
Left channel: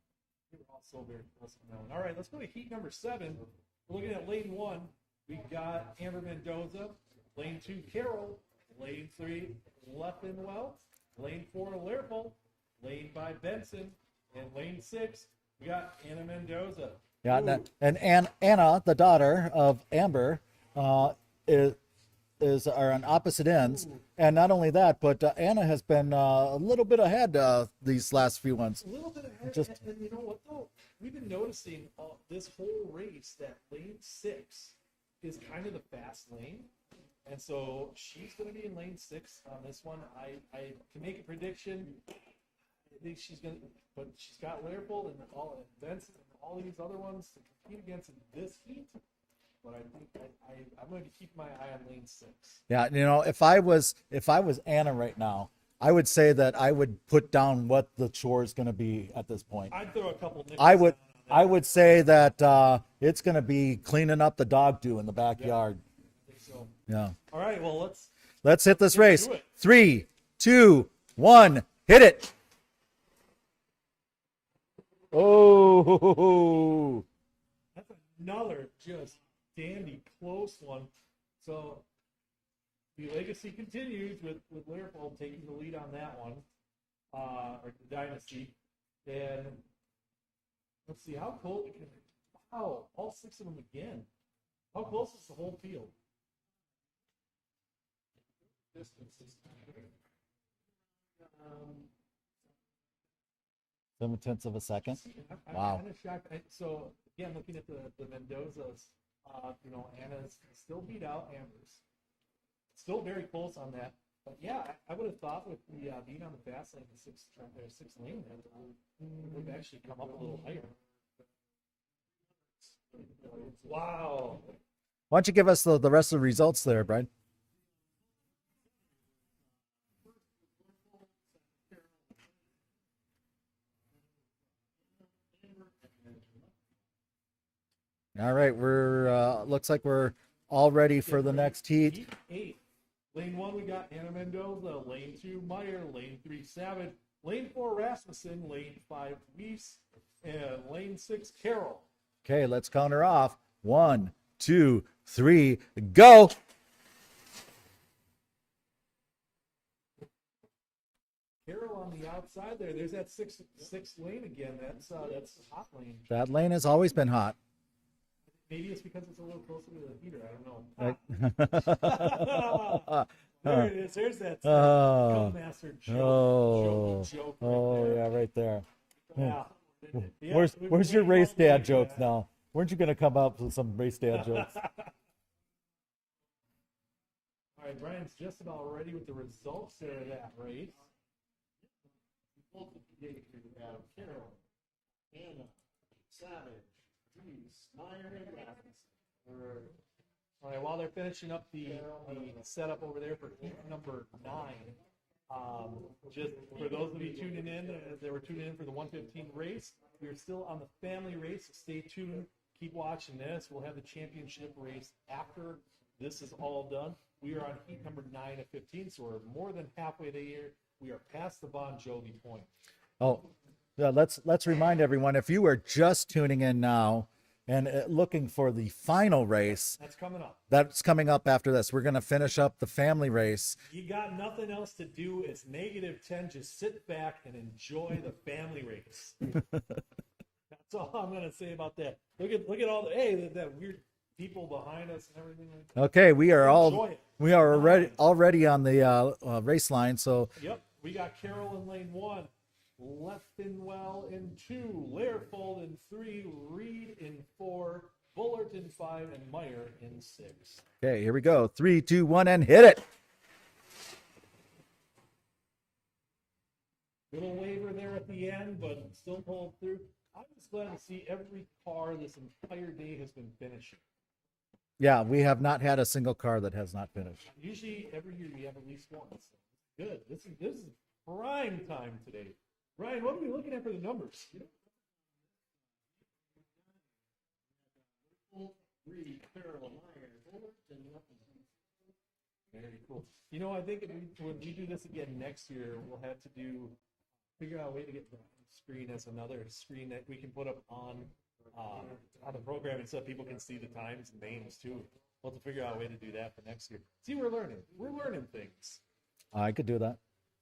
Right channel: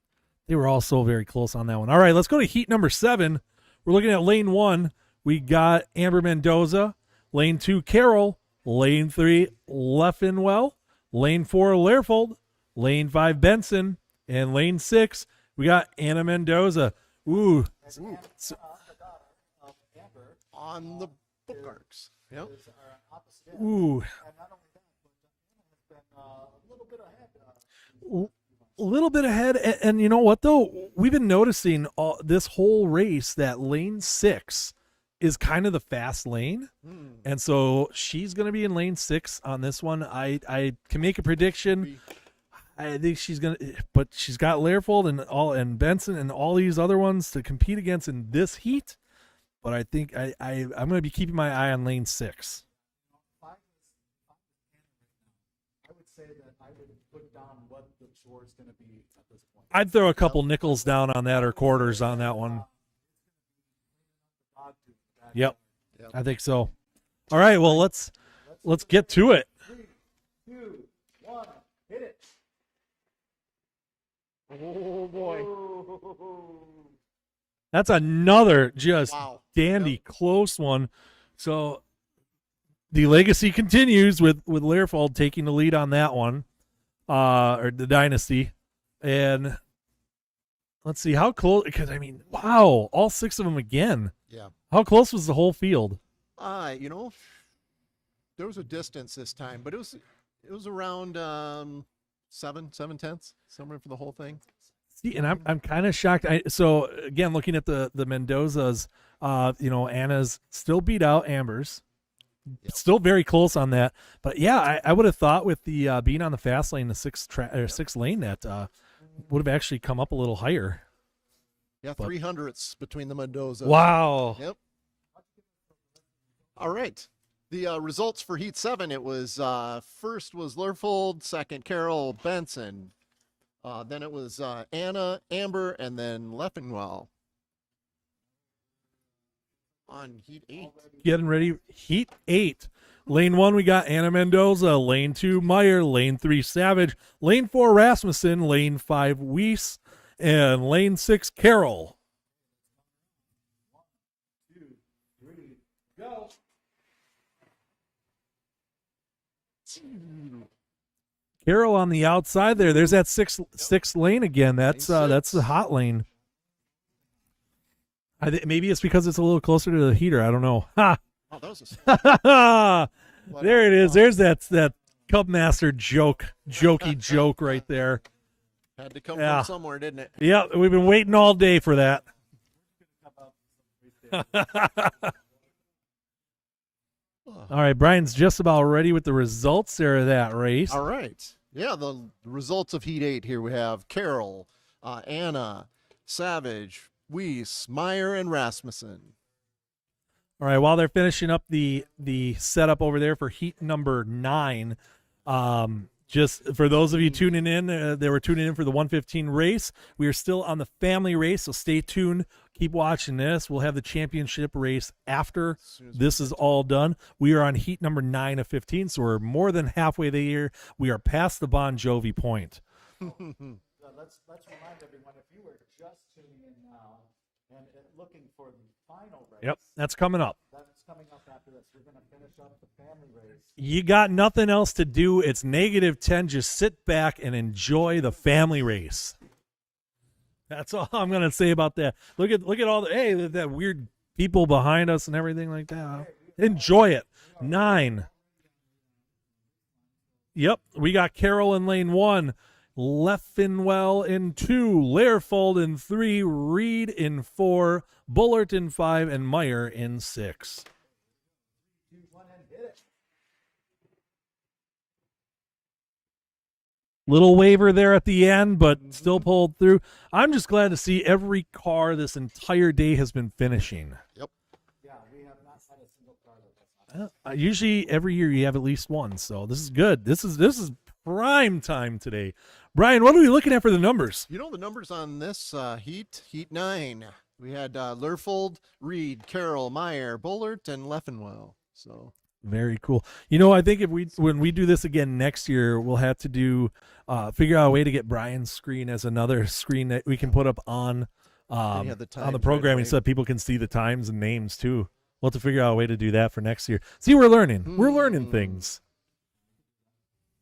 they were all so very close on that one. All right, let's go to heat number 7. We're looking at lane 1. We got Amber Mendoza. Lane 2, Carol. Lane 3, Leffenwell. Lane 4, Learfold. Lane 5, Benson. And lane 6, we got Anna Mendoza. Yeah, Ooh, and Anna, the daughter of Amber, On is, marks. Yep. are on opposite ends. Ooh. And not only that, but Anna has been a little bit ahead these last few ones. a little bit ahead. And you know what, though? We've been noticing this whole race that lane 6 is kind of the fast lane. And so she's going to be in lane 6 on this one. I can make a prediction. I think she's going to, but she's got Learfold and Benson and all these other ones to compete against in this heat. But I think I'm going to be keeping my eye on lane 6. Yeah, you know, if I was Anna right now, I would say that I would put down what the chore is going to be at this point. I'd throw a couple nickels down on that, I or would quarters say on that, that one. it's going to be cleaning up the dog do in the backyard. I think so. Yeah. All right, well, let's Let's this get race. to it. 3, 2, 1, hit it. Oh. That's another just Wow. dandy close one. So the legacy continues with Learfold taking the lead on that one, or the dynasty. And let's see how close, because I mean, wow, all 6 of them again. Yeah. How close was the whole field? You know, there was a distance this time, but it was around 7/10, somewhere for the whole thing. 7/10 of a second. See, and I'm Wow. kind of shocked. So again, looking at the Mendozas, you know, Anna's still beat out Amber's. Yep. Still very close on that, but yeah, I would have thought with the being on the fast lane, the 6 lane, that would have actually come up a little higher. Yeah, 300ths between the Mendozas. Wow. Yep. Why don't you give us the rest of the results All there, right. Brian? The results for Heat 7, it was first was Lerfold, second Carol Benson. Then it was Anna, Amber, and then Leffingwell. All right, we're looks like we're On Heat 8. all ready for Getting the ready. next heat. Heat 8. Lane 1, we got Anna Mendoza. Lane 2, Meyer. Lane 3, Savage. Lane 4, Rasmussen. Lane 5, Weiss. And lane 6, Carroll. Okay, let's count her off. 1, 2, 3, go. Carroll on the outside there. There's that sixth lane again. That's the hot lane. That lane has always been hot. Maybe it's because it's a little closer to the heater. I don't know. Ha! Oh, There it is. There's that Oh. Cup Master joke, Oh. jokey joke right Oh, there. Yeah, right there. Had to come Yeah. from somewhere, didn't it? Yeah, Where's- we've been where's your waiting all race day dad for jokes that. now? Weren't you going to come up with some race dad jokes? All right, Brian's just about ready with the results there of that race. All right. Yeah, the results of Heat 8 here we have Carol, Anna, Savage, Weiss, Meyer, and Rasmussen. All right, while they're finishing up the setup over there for heat number 9, just for those of you tuning in, they were tuning in for the 115 race. We are still on the family race, so stay tuned. Keep watching this. We'll have the championship race after this is all done. We are on heat number 9 of 15, so we're more than halfway there. We are past the Bon Jovi point. Oh, yeah. Let's remind everyone, if you are just tuning in now and looking for the final Yep, race, that's coming up. that's coming up after this. We're going to finish up the family race. You got nothing else to do. It's -10. Just sit back and enjoy the family race. That's all I'm gonna say about that. Look at all the that weird people behind us and everything like that. Okay, we are enjoy it. We are 9. already on the race line. So Yep, we got Carroll in lane 1, Leffingwell in 2, Lerfold in 3, Reed in 4, Bullard in 5, and Meyer in 6. okay, here we go. 3, 2, 1, and hit it. Little waiver there at the end, but still pulled through. I'm just glad to see every car this entire day has been finishing. Yeah, we have not had a single car that has not finished. Usually every year you have at least one, so this is good. This is prime time today. Brian, what are we looking at for the numbers? You know the numbers on this Heat 9. We had Lerfold, Reed, Carroll, Meyer, Bullard, and Leffingwell. So Very cool. You know, I think when we do this again next year, we'll have to do figure out a way to get Brian's screen as another screen that we can put up on the on the times right programming away. so that people can see the times and names too. We'll have to figure out a way to do that for next year. See, we're learning. We're learning things. I could do that.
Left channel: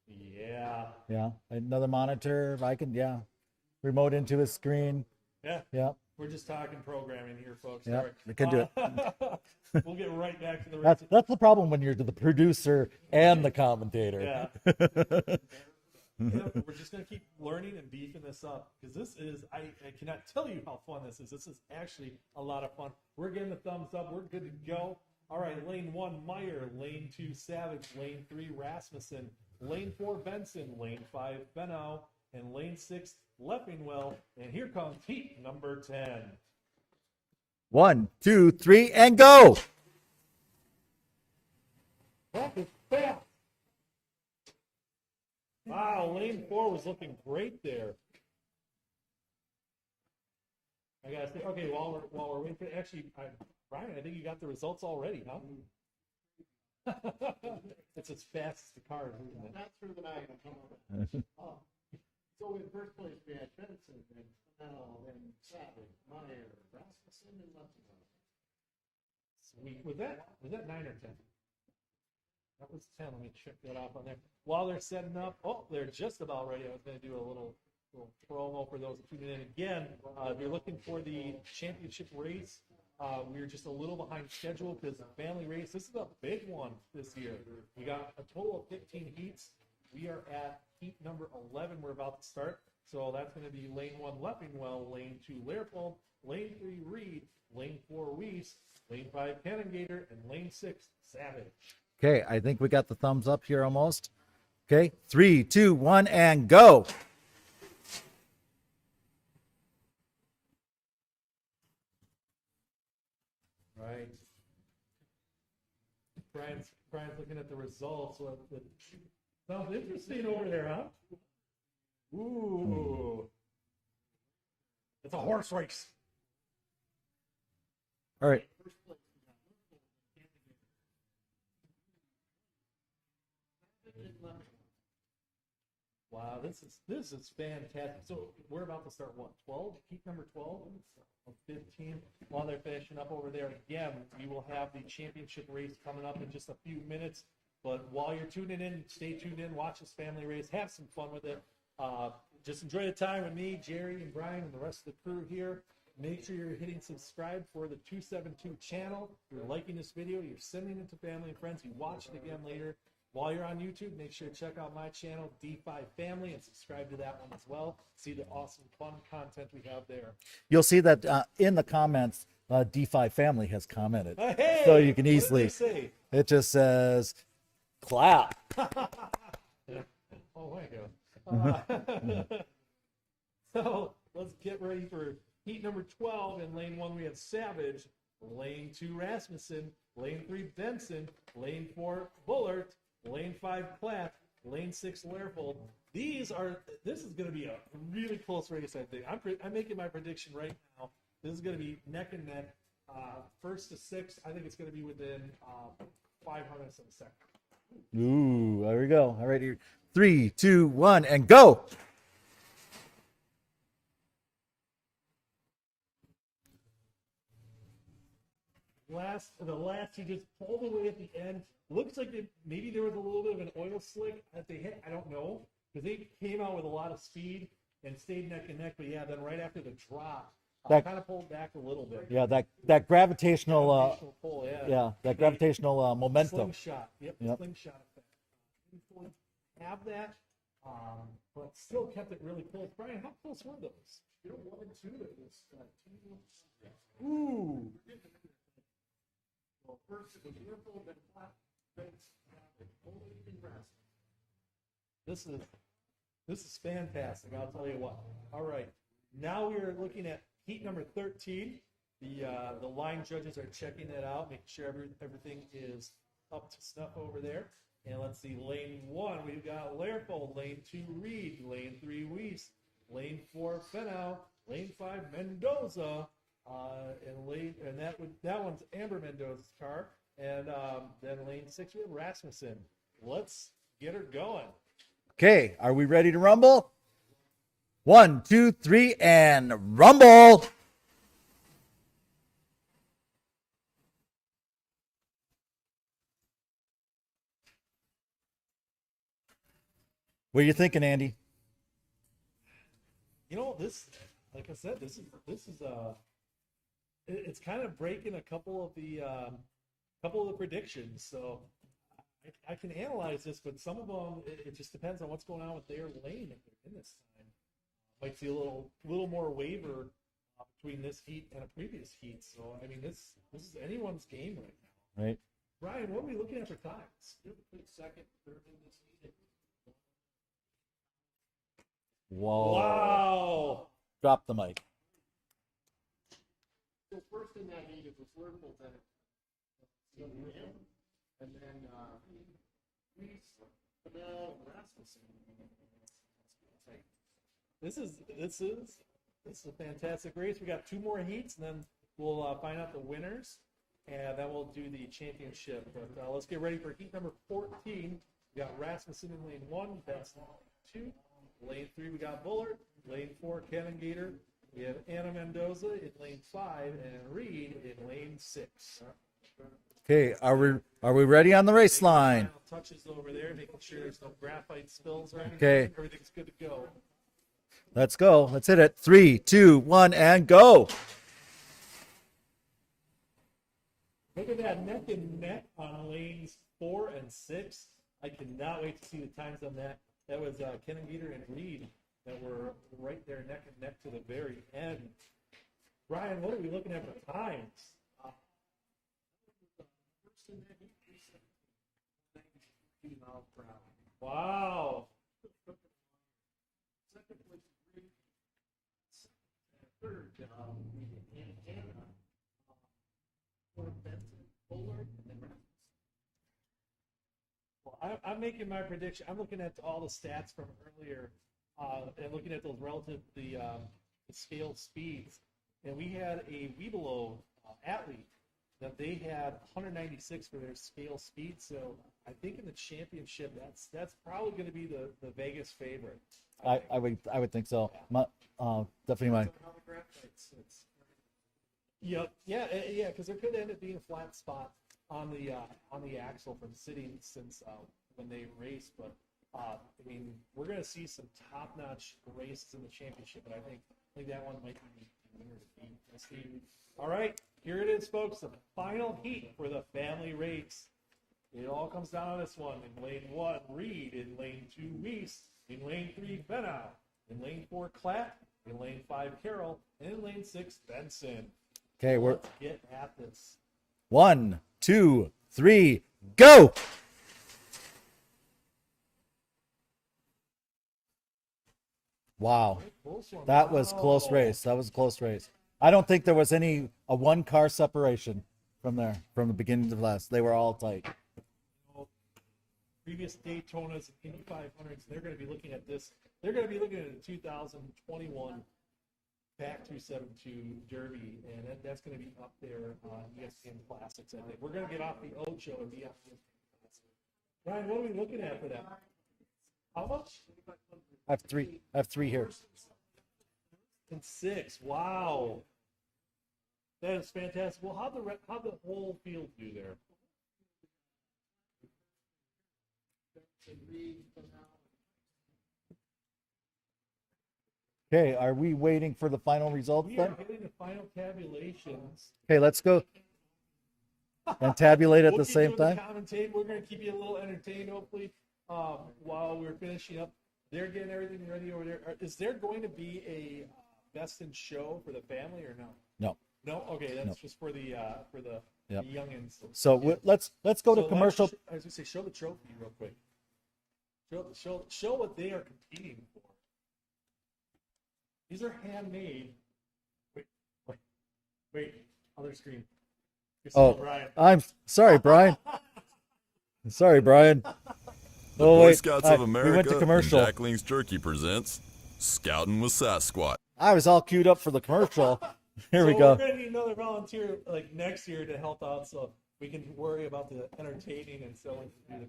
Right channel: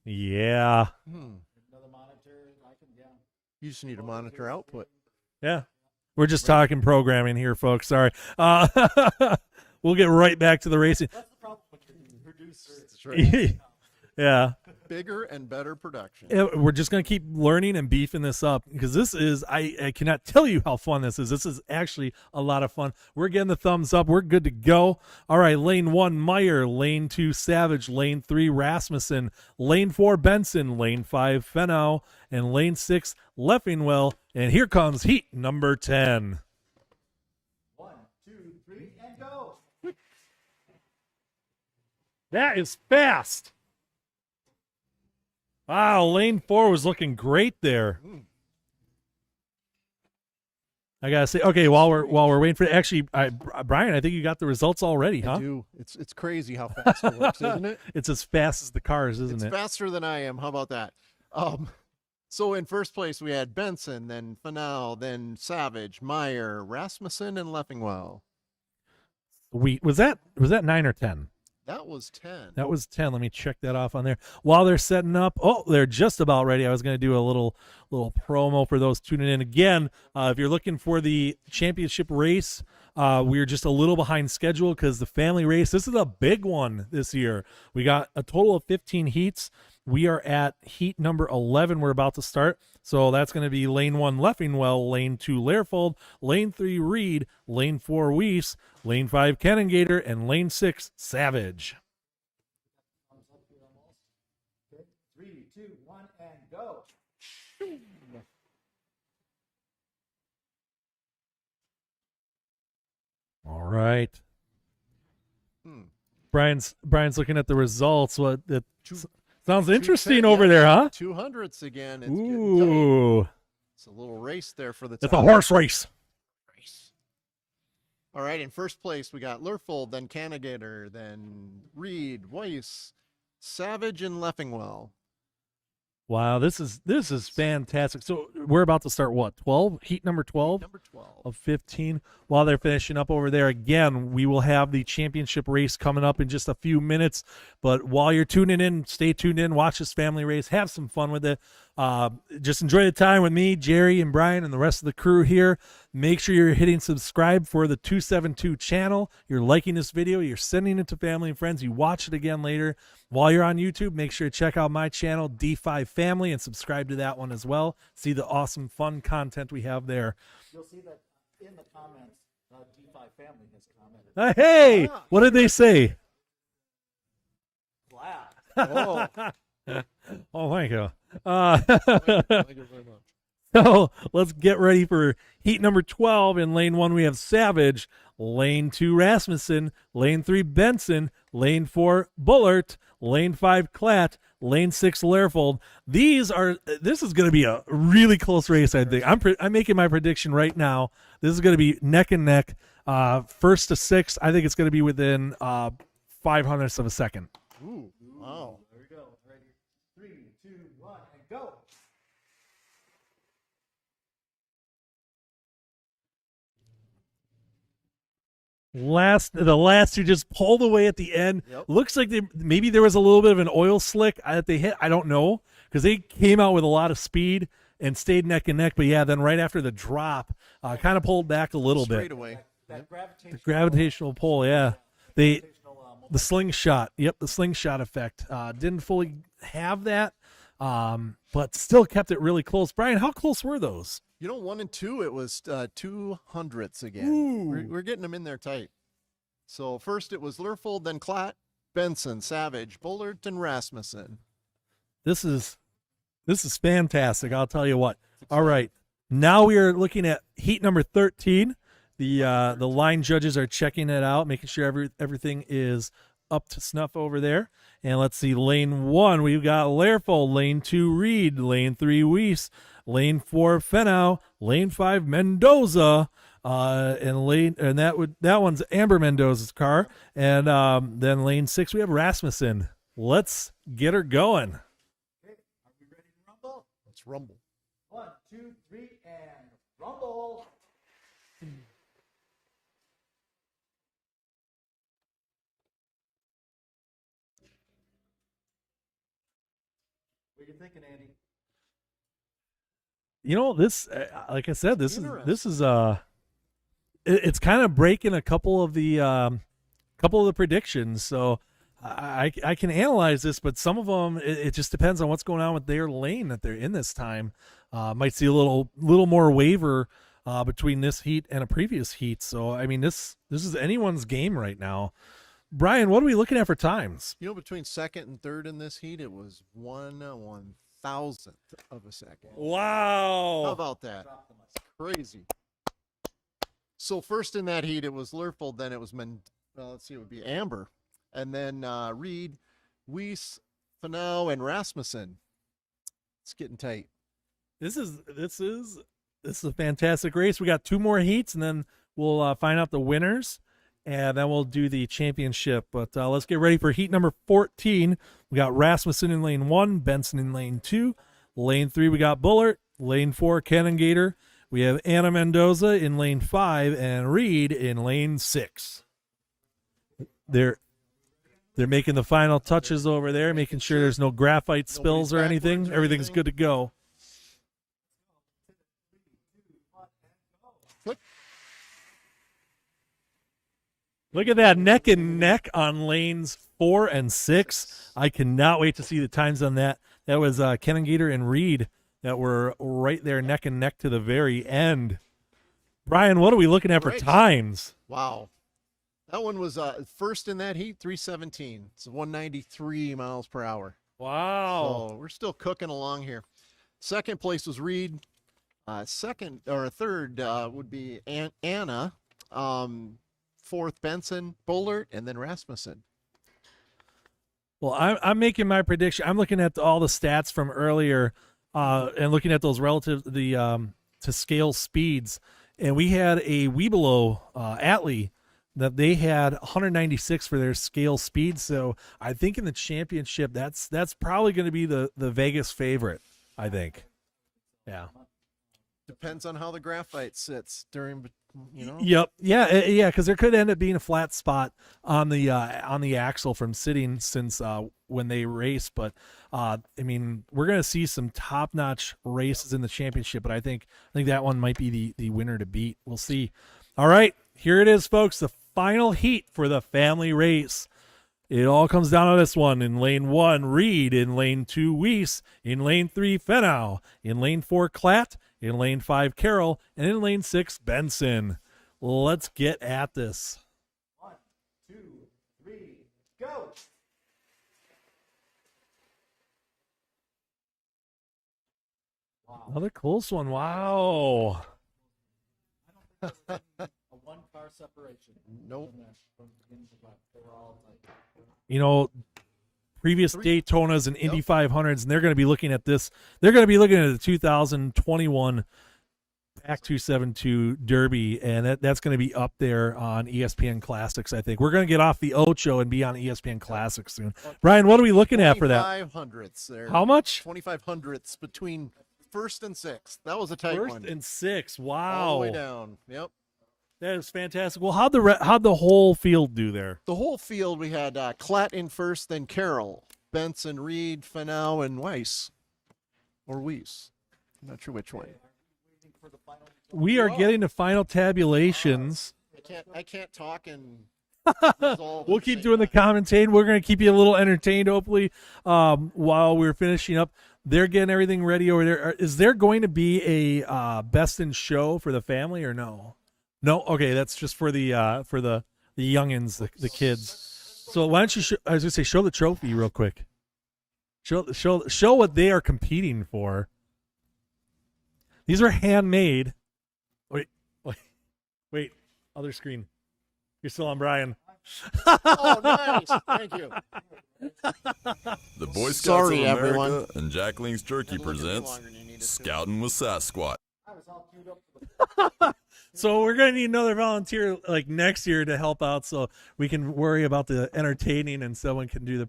Yeah. Yeah, another monitor. I can. Yeah, you just need a remote into a monitor output. screen. Yeah. Yeah. We're just talking programming here, folks. Sorry. I We'll get right back to the racing. That's the problem when you're the producer right. and the commentator. Yeah. Bigger and better production. Yeah, we're just going to keep learning and beefing this up because this is, I cannot tell you how fun this is. This is actually a lot of fun. We're getting the thumbs up. We're good to go. All right, lane 1, Meyer. Lane 2, Savage. Lane 3, Rasmussen. Lane 4, Benson. Lane 5, Fenau. And lane 6, Leffingwell. And here comes heat number 10. 1, 2, 3, and go. That is fast. Wow, lane 4 was looking great there. I gotta say, okay, while we're waiting for actually, Brian, I think you got the results already, I huh? do. It's crazy how fast it works, isn't it? It's as fast as the cars, isn't It's it? faster than I am. How about that? So in first place we had Benson, then Fenau, then Savage, Meyer, Rasmussen, and Leffingwell. Sweet. Was that 9 or 10? That was 10. That was 10. Let me check that off on there. While they're setting up, they're just about ready. I was going to do a little promo for those tuning in. Again, if you're looking for the championship race, we're just a little behind schedule because the family race, this is a big one this year. We got a total of 15 heats. We are at heat number 11. We're about to start. So that's going to be lane 1, Leffingwell, lane 2, Lerfold, lane 3, Reed, lane 4, Weiss, lane 5, Canongator, and lane 6, Savage. Okay, I think we got the thumbs up here almost. Okay, 3, 2, 1, and go. All right. Hmm. Brian's looking at the results. What it sounds 210, interesting over there, huh? 200s again. It's getting tight. Ooh, It's a little race there for the it's a top. horse race. All right, in first place we got Lurfold, then Canagator, then Reed, Weiss, Savage, and Leffingwell. Wow, this is fantastic. So we're about to start what? 12? Heat number 12? Number 12. Of 15. While they're finishing up over there, again, we will have the championship race coming up in just a few minutes. But while you're tuning in, stay tuned in, watch this family race, have some fun with it. Just enjoy the time with me, Jerry, and Brian, and the rest of the crew here. Make sure you're hitting subscribe for the 272 channel. You're liking this video. You're sending it to family and friends. You watch it again later. While you're on YouTube, make sure to check out my channel, D5 Family, and subscribe to that one as well. See the awesome, fun content we have there. You'll see that in the comments, D5 Family has commented. Hey, So you can what did they easily- say? It just says, clap. Oh, Oh, thank you. thank you very much. So let's get ready for heat number 12. In lane 1, we have Savage. Lane 2, Rasmussen. Lane 3, Benson. Lane 4, Bullard. Lane 5, Klatt. Lane 6, Learfold. This is going to be a really close race, I think. I'm making my prediction right now. This is going to be neck and neck. First to sixth, I think it's going to be within 0.05 of a second. Ooh, there we go. All right, here. 3, 2, 1, and go. The last two just pulled away at the end. Yep. Looks like maybe there was a little bit of an oil slick that they hit. I don't know, because they came out with a lot of speed and stayed neck and neck. But yeah, then right after the drop, kind of pulled back a little bit. Straight away. Yeah, that gravitational pull. Yeah, that They- gravitational momentum. the slingshot. Yep, the slingshot effect. Didn't fully have that, but still kept it really close. Brian, how close were those? 1 and 2, it was 200ths again. We're getting them in there tight. So first it was Lurfold, then Klatt, Benson, Savage, Bullard, and Rasmussen. This is fantastic. I'll tell you what. All right, now we are looking at heat number 13. The line judges are checking it out, making sure everything is up to snuff over there. And let's see, lane 1, we've got Learfold. Lane 2, Reed. Lane 3, Weiss. Lane 4, Fenau. Lane 5, Mendoza. And that one's Amber Mendoza's car. And then lane 6, we have Rasmussen. Let's get her going. Okay, are we ready to rumble? Let's rumble. 1, 2, 3, and rumble. What are you thinking, Andy? This, like I said, this is it's kind of breaking a couple of the predictions. So I can analyze this, but some of them it just depends on what's going on with their lane that they're in this time. Might see a little more waiver between this heat and a previous heat. So I mean, this is anyone's game right now. Right. Brian, what are we looking at for times? Between second and third in this heat, it was 1/1000th of a second. Whoa. How Wow. about that? Drop the mic. Crazy. So first in that heat, it was Lurfold, then it was let's see, it would be Amber, and then Reed, Weiss, Fenau, and Rasmussen. It's getting tight. This is a fantastic race. We got 2 more heats, and then we'll find out the winners, and then we'll do the championship. But let's get ready for heat number 14. We got Rasmussen in lane 1, Benson in lane 2. Lane 3, we got Bullard. Lane 4, Canagator. We have Anna Mendoza in lane 5 and Reed in lane 6. Okay, They're- are we ready on the They're race making line? the final touches over there, making sure there's no graphite spills or Nobody's anything. Okay. Everything's good to go. Let's go. Let's hit it. 3, 2, 1, and go. Look at that neck and neck on lanes 4 and 6. I cannot wait to see the times on that. That was Canagator and Reed that were right there neck and neck to the very end. Brian, what are we looking at for Great. times? Wow. That one was first in that heat, 317. It's 193 miles per hour. Wow. So we're still cooking along here. Second place was Reed. Third would be Anna. fourth Benson, Bullard, and then Rasmussen. Well, I'm making my prediction. I'm looking at all the stats from earlier, and looking at those relative to scale speeds, and we had a Webelow Atlee that they had 196 for their scale speed. So I think in the championship, that's probably going to be the Vegas favorite. I think. I would think so. Yeah. Definitely. Depends on how the graphite sits during, Yep. Yeah. Because there could end up being a flat spot on the axle from sitting since when they race. But I mean, we're gonna see some top-notch races in the championship. But I think that one might be the winner to beat. We'll see. All right, here it is, folks. The final heat for the family race. It all comes down to this one. In lane 1, Reed. In lane 2, Weiss. In lane 3, Fenau. In lane 4, Klatt. In lane 5, Carroll. And in lane 6, Benson. Okay, Let's get at this. 1, 2, 3, go! Wow. Another close one. That Wow. was close race. That was a close race. I don't think there was a one-car separation from the beginning to the last. They were all tight. You know, previous Daytonas and Indy 500s, and they're going to be looking at this. They're going to be looking at the 2021 PAC 272 Derby, and that's going to be up there on ESPN Classics, I think. We're going to get off the Ocho and be on ESPN Classics soon. Brian, what are we looking at for that? 2500ths there. How much? 2500ths between I have three here. first and sixth. That was a tight First one. and 6. Wow. All the way down. Yep. That is fantastic. Well, how'd the whole field do there? The whole field, we had Klatt in first, then Carroll, Benson, Reed, Fenau, and Weiss. Or Weiss. I'm not sure which one. Okay, are we waiting for the final result? We are getting to final tabulations. Okay, let's go I can't talk and and tabulate at We'll the keep same doing time. the commentating. We're going to keep you a little entertained, hopefully, while we're finishing up. They're getting everything ready over there. Is there going to be a best in show for the family or no? No. No. Okay, that's just for the youngins, the So kids. let's go So to why don't you? commercial. I was going to say, show the trophy real quick. Show what they are competing for. These are handmade. Wait. Other screen. You're still on Brian. I'm sorry, Brian. Oh, nice. Thank you. Sorry, Brian. The Oh, Boy wait, Scouts sorry, of everyone. America and Commercial. Jacqueline's Turkey presents Scouting with Sasquatch. I was all queued up for the commercial. Here So we go. we're gonna need another volunteer like next year to help out, so we can worry about the entertaining and someone can do the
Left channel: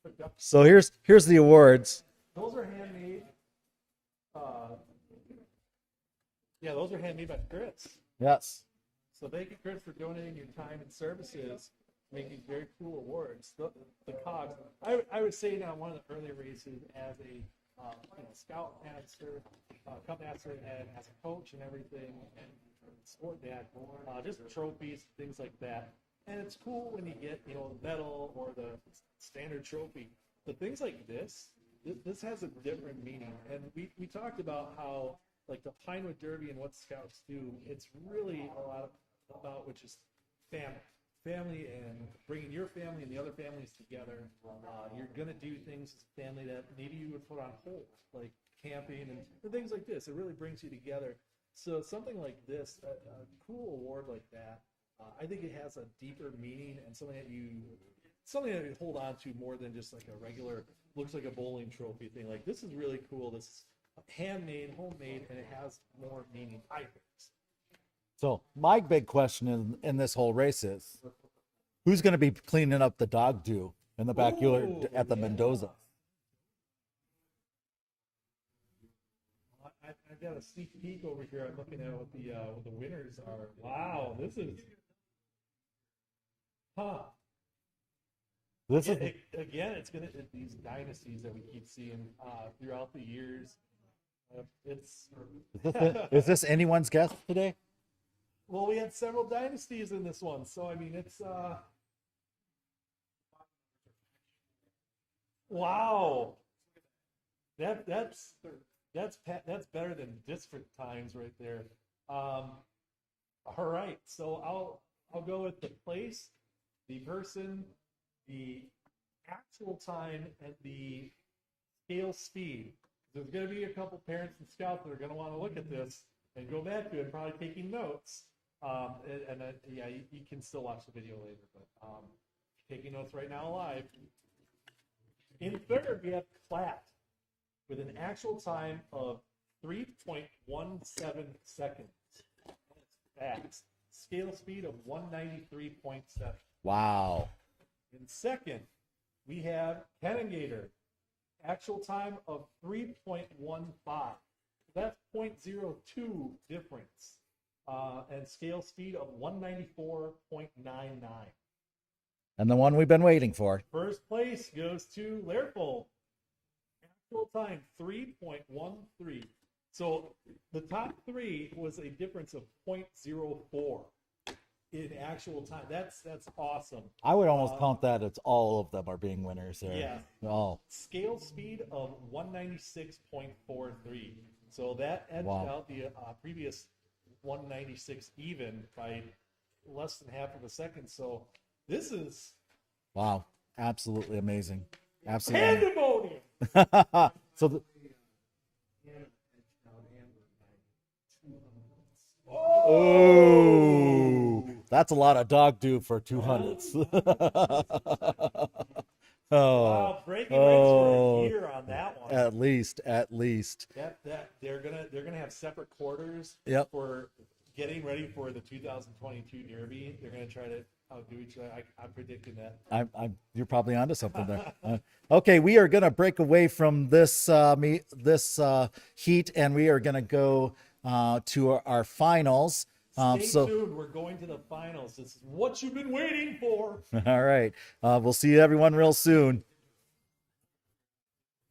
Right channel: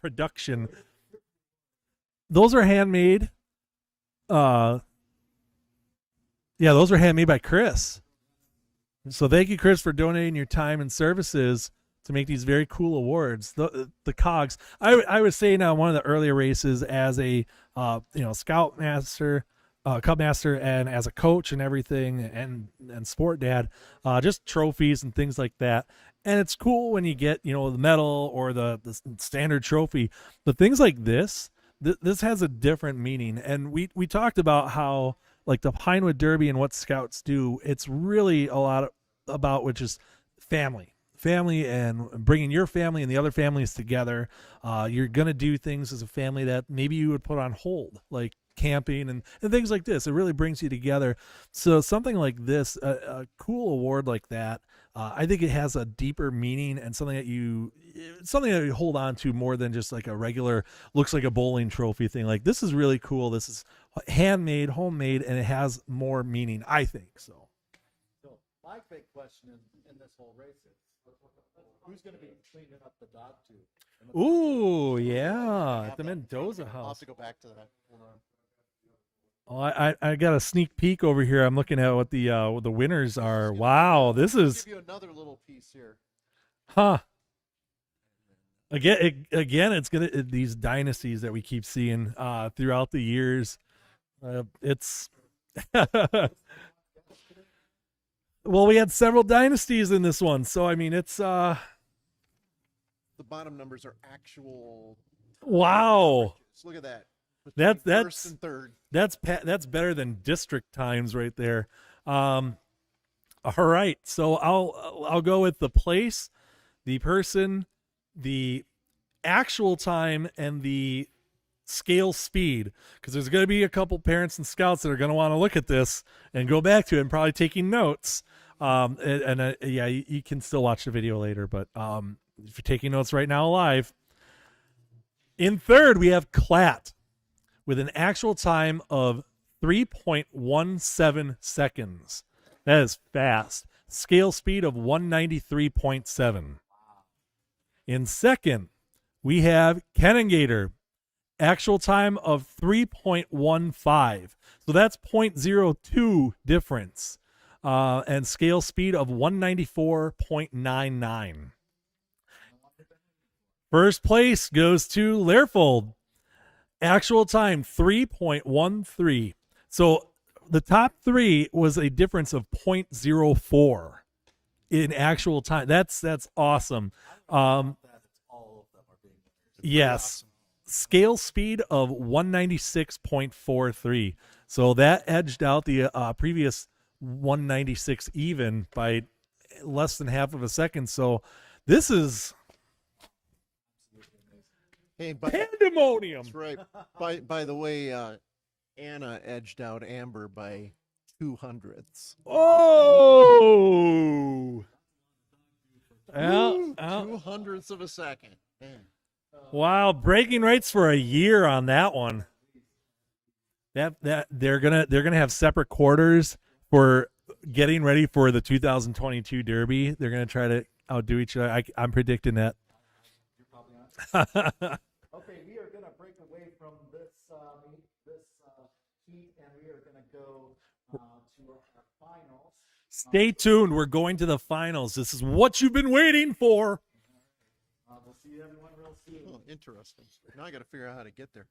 production. So here's the awards. Those are handmade. Yeah, those are handmade by Chris. Yes. So thank you, Chris, for donating your time and services to make these very cool awards. The cogs. I was saying on one of the earlier races as a scout master, cub master, and as a coach and everything, and sport dad, just trophies and things like that. And it's cool when you get the medal or the standard trophy, but things like this has a different meaning. And we talked about how, like, the Pinewood Derby and what scouts do, it's really a lot about which is family and bringing your family and the other families together. You're going to do things as a family that maybe you would put on hold, like camping and things like this. It really brings you together. So something like this, a cool award like that, I think it has a deeper meaning and something that you hold on to more than just like a regular, looks like a bowling trophy thing. Like, this is really cool. This is handmade, homemade, and it has more meaning, I think. So my big question in this whole race is, who's going to be cleaning up the dog dew in the backyard Ooh, at the yeah, Mendoza? at the Mendoza I'll have house. to go back to that. Hold on. Oh, I got a sneak peek over here. I'm looking at what the winners are. Wow, this I'll is, give you another little piece here. huh? Again, it's these dynasties that we keep seeing throughout the years. It's Is this anyone's guess today? well, we had several dynasties in this one, so I mean, it's The bottom numbers are actual. wow. So look at that. That's First and third. That's better than district times right there. All right, so I'll go with the place, the person, the actual time, and the scale speed, because there's going to be a couple parents and scouts that are going to want to look at this and go back to it and probably taking notes. Yeah, you can still watch the video later, but if you're taking notes right now live. In third, we have Clat with an actual time of 3.17 seconds. That is fast. Scale speed of 193.7. Wow. In second, we have Kenningator. Actual time of 3.15. So that's 0.02 difference. And scale speed of 194.99. And the one we've been waiting for. First place goes to Learfold. Actual time 3.13. So the top three was a difference of 0.04 in actual time. That's awesome. I would almost count that as all of them are being winners. Yes. Oh. Scale speed of 196.43. So that edged out the previous 196 even by less than half of a second. So this is wow, absolutely amazing. Hey, Absolutely. pandemonium. That's right. By So the way, Anna edged out Amber by 200ths. Oh, That's a lot of dog do for 2 months. 200ths of a second. Yeah. Oh. wow! Breaking rates for a year on that one. At least. That they're gonna have separate quarters Yep. for getting ready for the 2022 Derby. They're gonna try to outdo each other. I'm predicting that. You're probably onto something there. Okay, we are gonna break away from this heat, and we are gonna go to our finals. Stay tuned. We're going to the finals. This is what you've been waiting for. All right. We'll see everyone real soon. Interesting. Now I got to figure out how to get there.